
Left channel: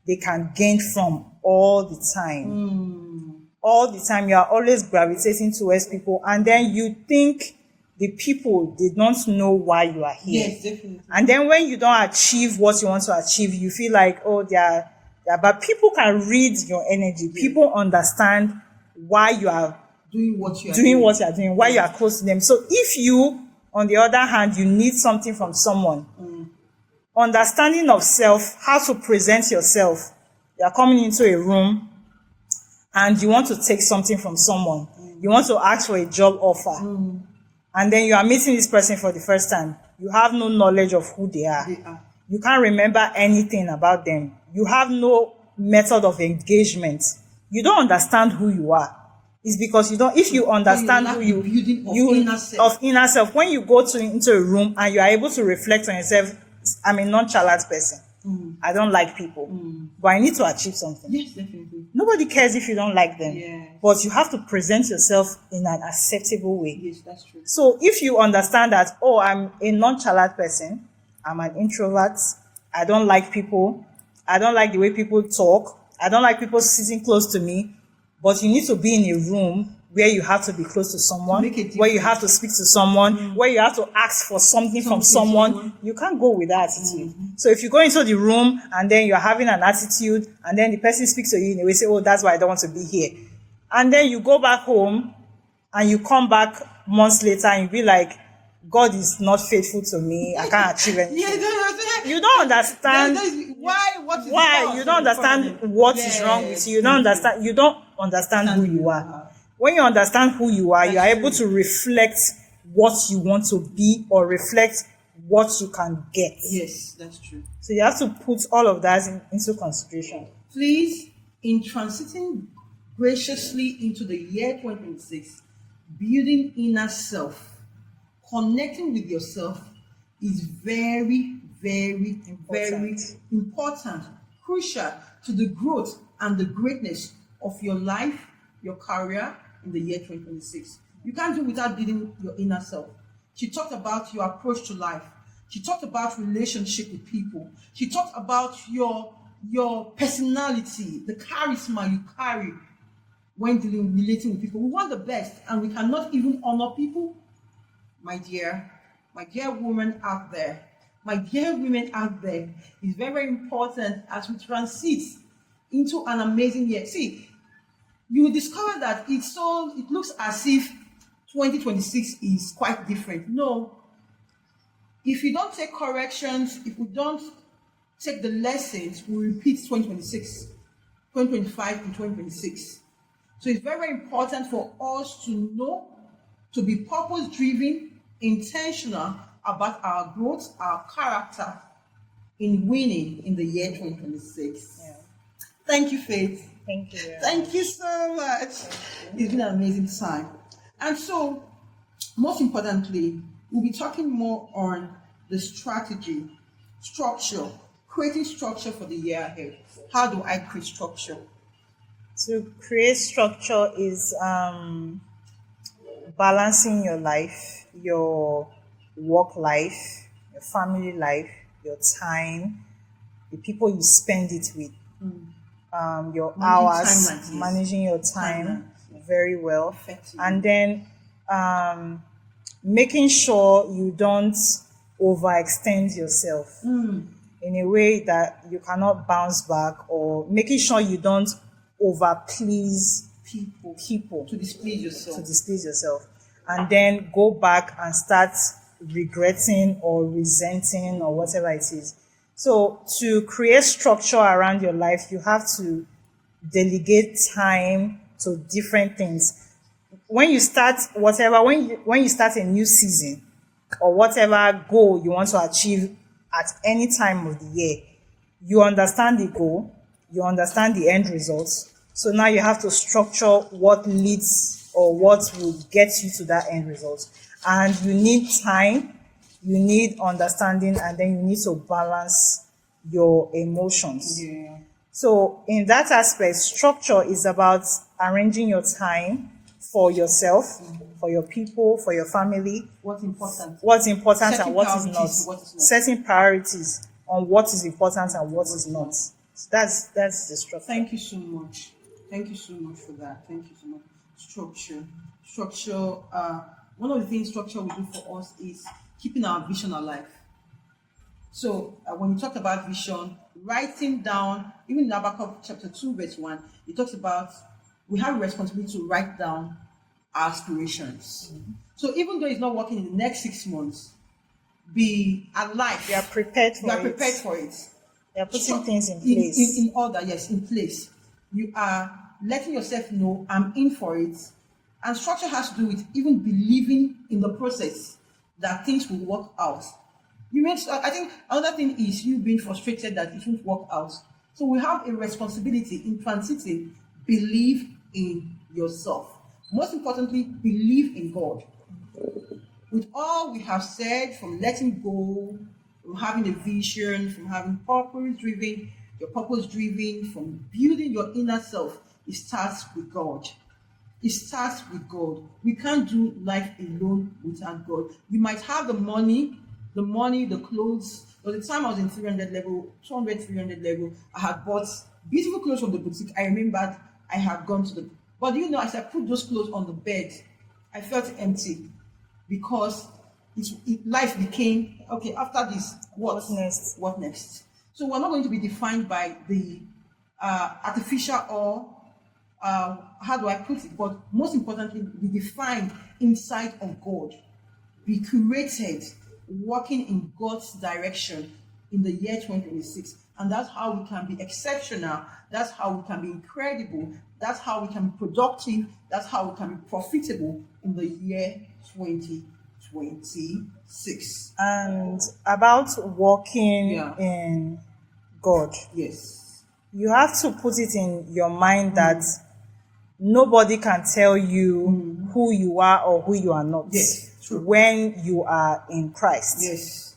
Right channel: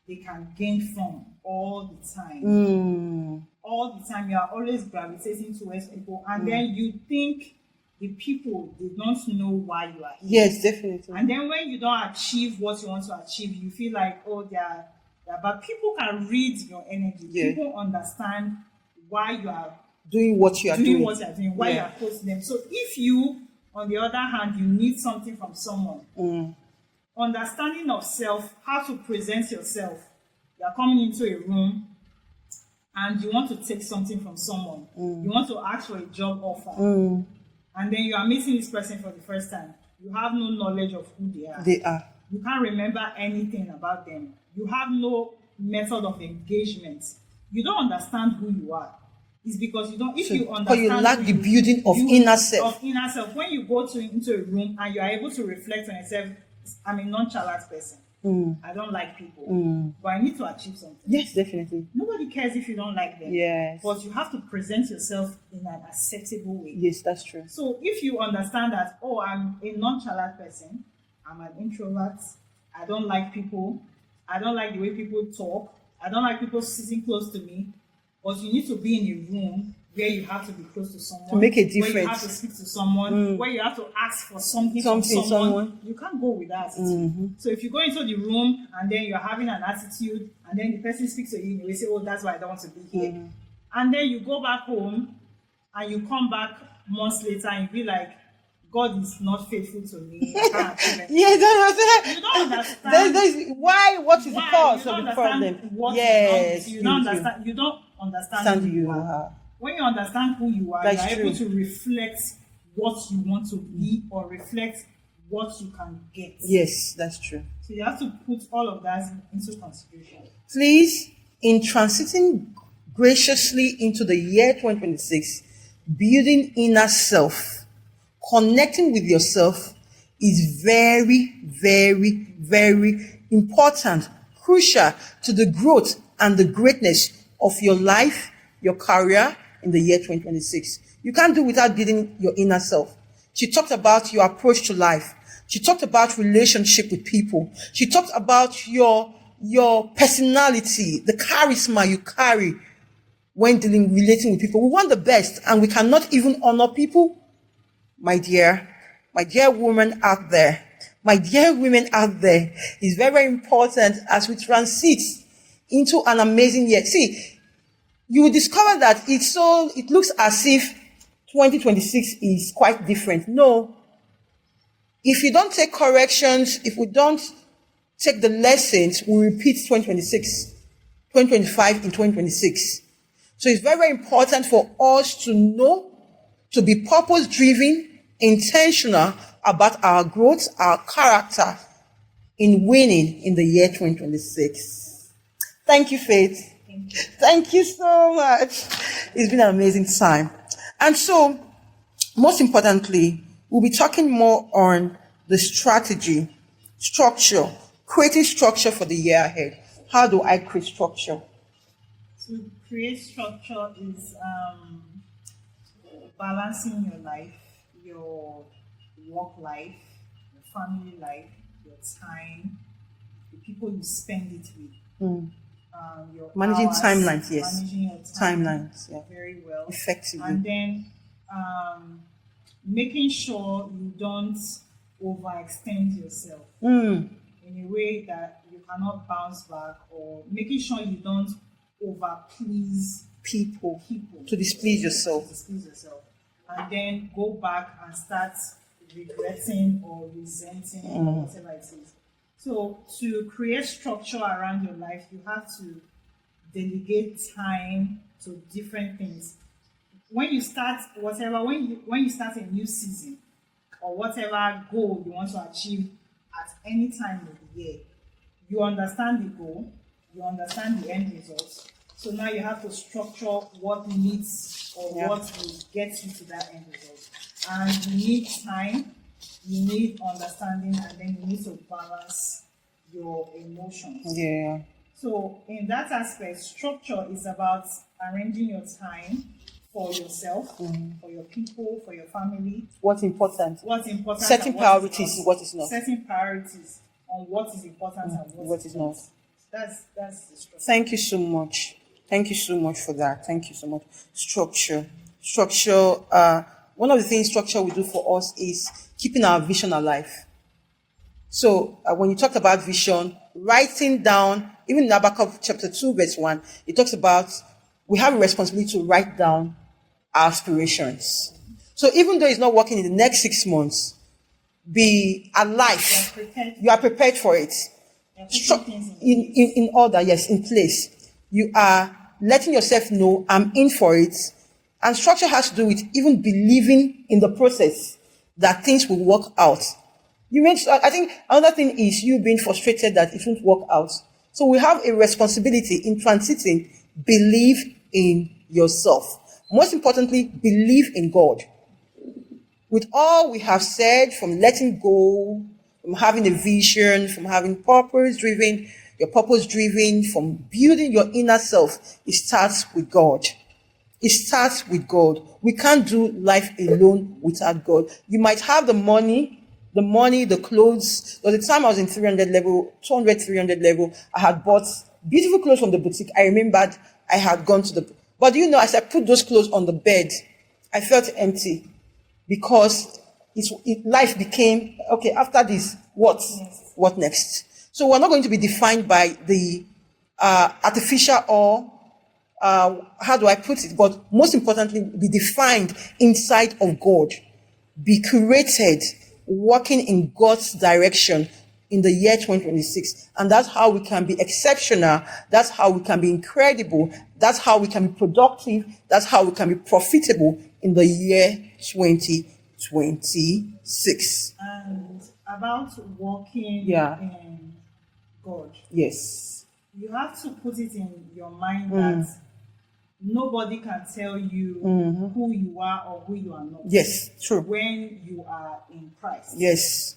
they can gain from all the time. All the time, you are always gravitating towards people, and then you think the people did not know why you are here. Yes, definitely. And then when you don't achieve what you want to achieve, you feel like, oh, but people can read your energy. Yeah. People understand why you are doing what you are doing, why you are close to them. So if you, on the other hand, you need something from someone, understanding of self, how to present yourself. You are coming into a room and you want to take something from someone. You want to ask for a job offer. And then you are meeting this person for the first time. You have no knowledge of who they are. You can't remember anything about them. You have no method of engagement. You don't understand who you are. It's because you don't. If you understand who you, the building of inner self. Of inner self. When you go into a room and you are able to reflect on yourself, I'm a nonchalant person. I don't like people, but I need to achieve something. Yes, definitely. Nobody cares if you don't like them. Yes. But you have to present yourself in an acceptable way. Yes, that's true. So if you understand that, oh, I'm a nonchalant person, I'm an introvert, I don't like people, I don't like the way people talk, I don't like people sitting close to me, but you need to be in a room where you have to be close to someone, to make a difference, where you have to speak to someone, where you have to ask for something from someone. You can't go with that attitude. So if you go into the room and then you're having an attitude and then the person speaks to you in a way, say, oh, that's why I don't want to be here. And then you go back home and you come back months later and you be like, God is not faithful to me. I can't achieve anything. You don't understand why. You don't understand what is wrong with you. You don't understand. You don't understand who you are. When you understand who you are, you are able to reflect what you want to be or reflect what you can get. Yes, that's true. So you have to put all of that into consideration. Please, in transiting graciously into the year 2026, building inner self, connecting with yourself is very, very, very important, crucial to the growth and the greatness of your life, your career, in the year 2026. You can't do without building your inner self. She talked about your approach to life. She talked about relationship with people. She talked about your personality, the charisma you carry when relating with people. We want the best and we cannot even honor people. My dear woman out there, my dear women out there, it's very, very important as we transit into an amazing year. See, you will discover that it looks as if 2026 is quite different. No. If you don't take corrections, if we don't take the lessons, we repeat 2025 in 2026. So it's very, very important for us to know, to be purpose-driven, intentional about our growth, our character, in winning in the year 2026. Thank you, Faith. Thank you. Thank you so much. It's been an amazing time. And so, most importantly, we'll be talking more on the strategy, structure, creating structure for the year ahead. How do I create structure? To create structure is balancing your life, your work life, your family life, your time, the people you spend it with, your Managing hours, timelines, yes. managing your time Timelines, yeah. very well, Effectively. and then making sure you don't overextend yourself in a way that you cannot bounce back, or making sure you don't overplease people To displease yourself. and then go back and start regretting or resenting or whatever it is. So to create structure around your life, you have to delegate time to different things. When you start when you start a new season or whatever goal you want to achieve at any time of the year, you understand the goal, you understand the end results. So now you have to structure what leads or what will get you to that end result. And you need time, you need understanding, and then you need to balance your emotions. Yeah. So in that aspect, structure is about arranging your time for yourself, for your people, for your family. What's important? Setting Setting and priorities, what is not. what is not. Setting priorities on what is important and what is not. not. So that's the structure. Thank you so much. Thank you so much for that. Thank you so much. Structure. One of the things structure will do for us is keeping our vision alive. So when you talk about vision, writing down, even in Habakkuk chapter 2, verse 1, it talks about we have a responsibility to write down our aspirations. So even though it's not working in the next 6 months, be alive. You are prepared for You are it. prepared for it. You are putting things in place. In order, yes, in place. You are letting yourself know I'm in for it. And structure has to do with even believing in the process that things will work out. I think another thing is you being frustrated that it won't work out. So we have a responsibility in transiting. Believe in yourself. Most importantly, believe in God. With all we have said, from letting go, from having a vision, from having purpose driven, from building your inner self, it starts with God. It starts with God. We can't do life alone without God. You might have the money, the clothes. There was a time I was in 300 level, 200, 300 level. I had bought beautiful clothes from the boutique. I remembered I had gone to but as I put those clothes on the bed, I felt empty because life became, okay, after this, what next? What next? So we're not going to be defined by the artificial or how do I put it? But most importantly, be defined inside of God. Be created, working in God's direction in the year 2026. And that's how we can be exceptional. That's how we can be incredible. That's how we can be productive. That's how we can be profitable in the year 2026. And about walking in God. Yes. You have to put it in your mind that nobody can tell you who you are or who you are not. Yes, true. When you are in Christ. Yes.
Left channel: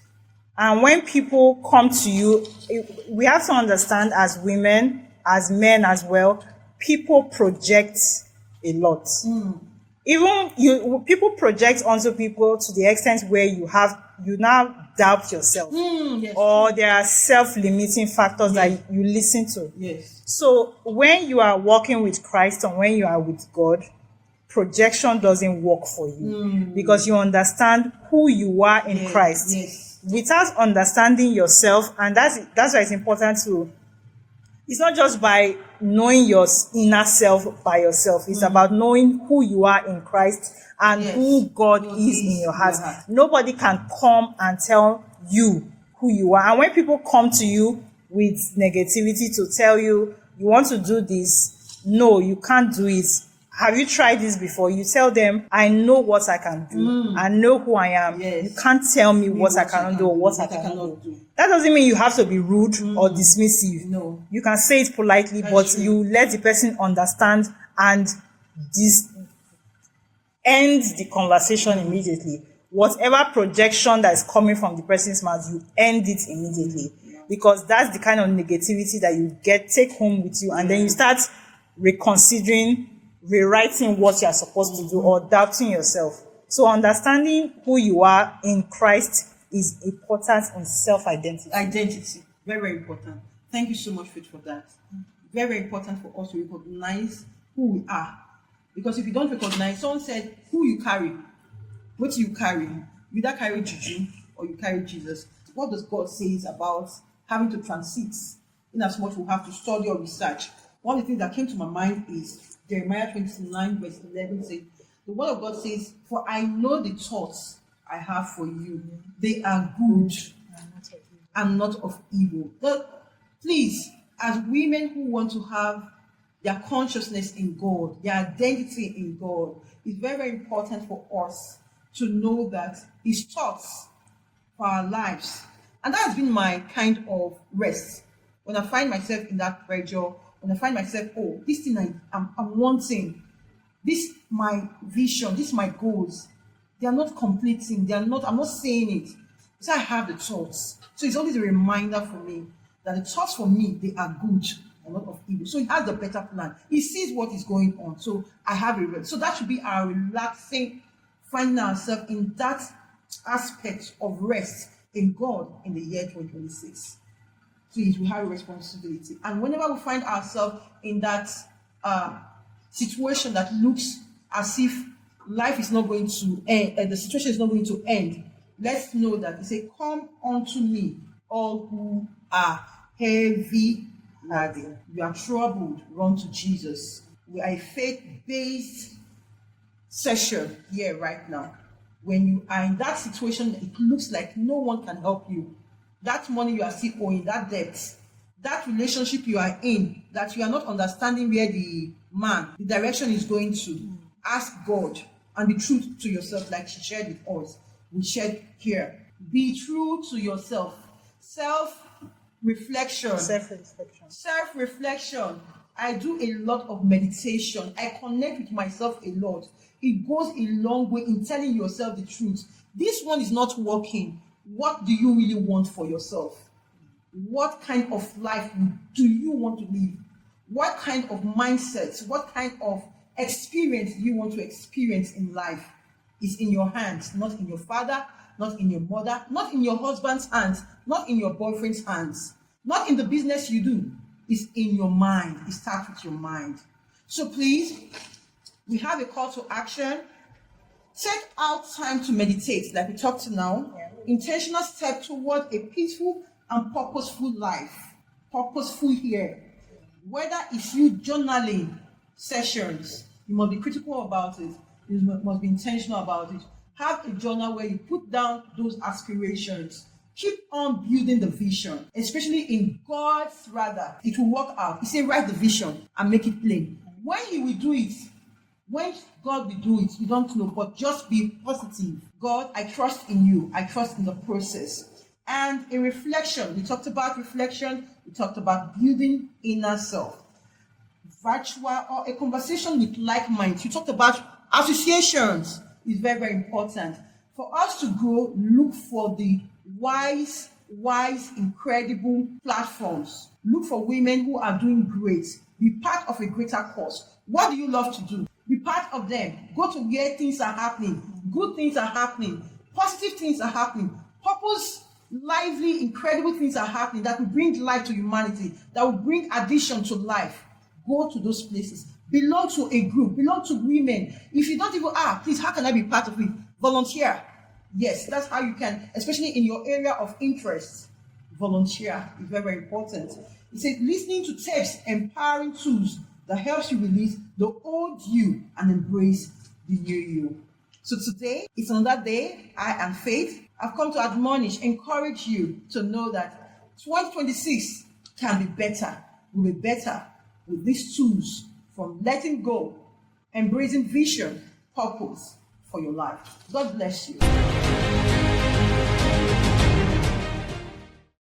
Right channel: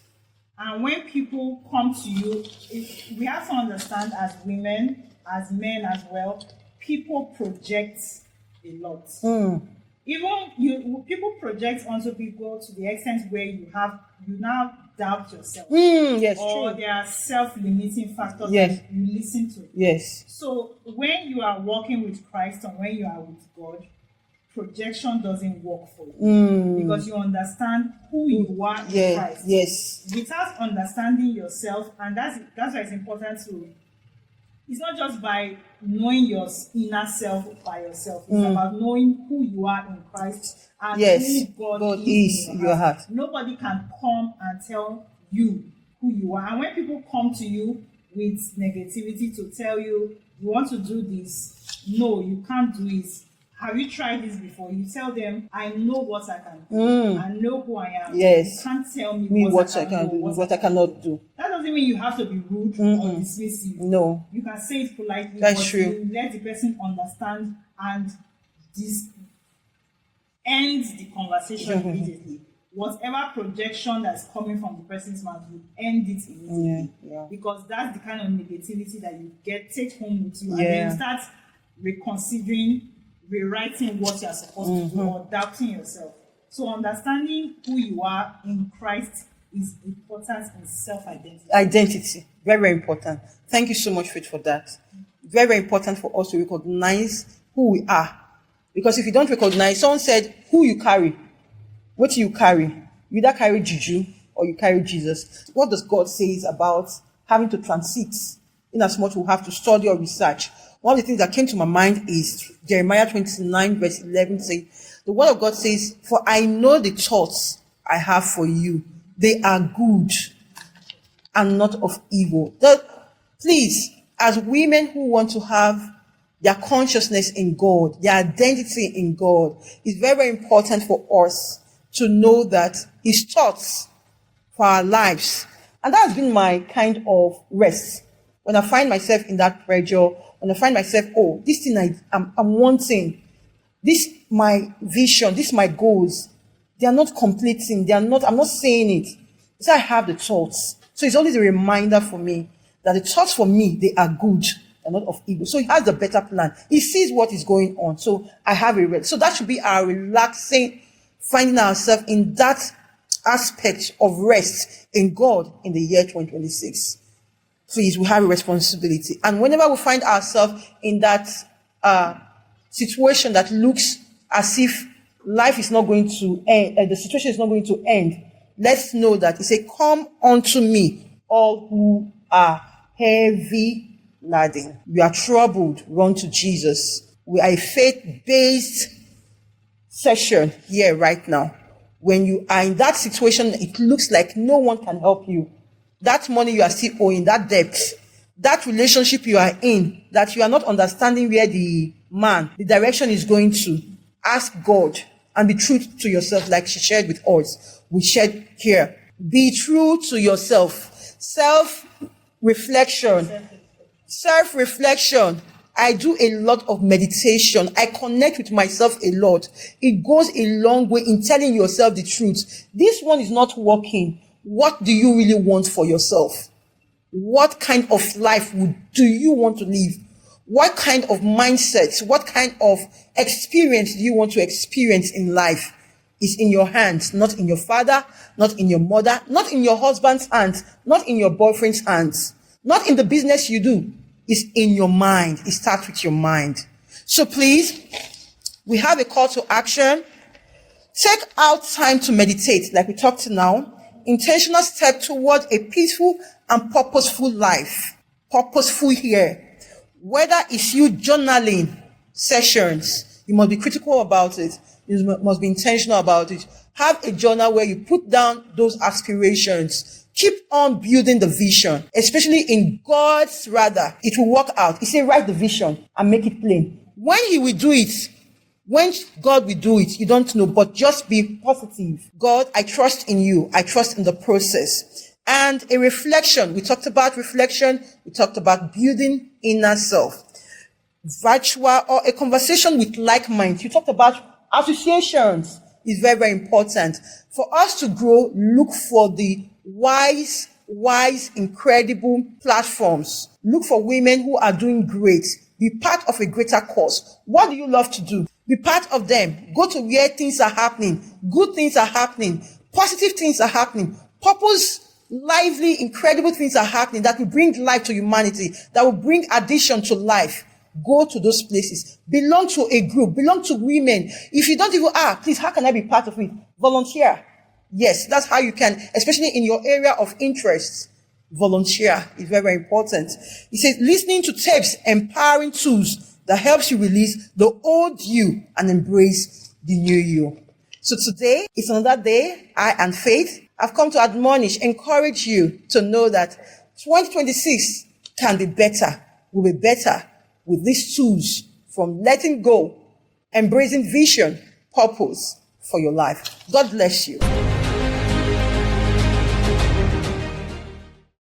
And when people come to you, we have to understand as women, as men as well, people project a lot. Even people project onto people to the extent where you now doubt yourself. Yes, or true. there are self-limiting factors that you listen to. Yes. So when you are walking with Christ and when you are with God, projection doesn't work for you because you understand who you are in Christ. Yes. Without understanding yourself, and that's why it's important to. It's not just by knowing your inner self by yourself. It's about knowing who you are in Christ and who God is in your heart. Nobody can come and tell you who you are. And when people come to you with negativity to tell you, you want to do this, no, you can't do it. have you tried this before? You tell them, I know what I can do. I know who I am. Yes. You can't tell me what I can do or what I cannot do. That doesn't mean you have to be rude or dismissive. No. You can say it politely, That's but true. you let the person understand and end the conversation immediately. Whatever projection that is coming from the person's mouth, you end it immediately. Because that's the kind of negativity that you take home with you, and then you start reconsidering, rewriting what you are supposed to do, or doubting yourself. So understanding who you are in Christ is important in self-identity. Identity, very, very important. Thank you so much, Faith, for that. Very, very important for us to recognize who we are. Because if you don't recognize, someone said, who you carry, what do you carry? You either carry juju or you carry Jesus. What does God say about having to transit? In as much we have to study or research. One of the things that came to my mind is Jeremiah 29 verse 11 says, the word of God says, for I know the thoughts I have for you. They are good and not of evil. Please, as women who want to have their consciousness in God, their identity in God, it's very, very important for us to know that his thoughts for our lives. And that has been my kind of rest. When I find myself in that pressure, when I find myself, oh, this thing I'm wanting, this my vision, this my goals, they are not completing, I'm not saying it. So I have the thoughts. So it's always a reminder for me that the thoughts for me, they are good and not of evil. So he has a better plan. He sees what is going on. So I have a rest. So that should be our relaxing, finding ourselves in that aspect of rest in God in the year 2026. Please, we have a responsibility. And whenever we find ourselves in that situation that looks as if life is not going to end, and the situation is not going to end, let's know that he said, come unto me, all who are heavy laden. We are troubled, run to Jesus. We are a faith-based session here right now. When you are in that situation, it looks like no one can help you. That money you are still owing, that debt, that relationship you are in, that you are not understanding where the direction is going to, ask God and be true to yourself like she shared with us. We shared here. Be true to yourself. Self-reflection. Self-reflection. I do a lot of meditation. I connect with myself a lot. It goes a long way in telling yourself the truth. This one is not working. What do you really want for yourself? What kind of life do you want to live? What kind of mindset, what kind of experience do you want to experience in life? Is in your hands, not in your father, not in your mother, not in your husband's hands, not in your boyfriend's hands, not in the business you do. It's in your mind. It starts with your mind. So please, we have a call to action. Take out time to meditate, like we talked now. Intentional step toward a peaceful and purposeful life. Purposeful here. Whether it's you journaling sessions, you must be critical about it. You must be intentional about it. Have a journal where you put down those aspirations. Keep on building the vision, especially in God's radar. It will work out. He said, write the vision and make it plain. When he will do it, when God will do it, you don't know, but just be positive. God, I trust in you. I trust in the process. And a reflection. We talked about reflection. We talked about building inner self. Virtual or a conversation with like minds. You talked about associations. Is very, very important. For us to grow, look for the wise, incredible platforms. Look for women who are doing great. Be part of a greater cause. What do you love to do? Be part of them. Go to where things are happening. Good things are happening. Positive things are happening. Purpose, lively, incredible things are happening that will bring life to humanity, that will bring addition to life. Go to those places. Belong to a group. Belong to women. If you don't even, please, how can I be part of it? Volunteer. Yes, that's how you can, especially in your area of interest. Volunteer is very, very important. He says, listening to tapes, empowering tools that helps you release the old you and embrace the new you. So today is another day. I and Faith have come to admonish, encourage you to know that 2026 can be better, will be better with these tools from letting go embracing vision, purpose for your life. God bless you.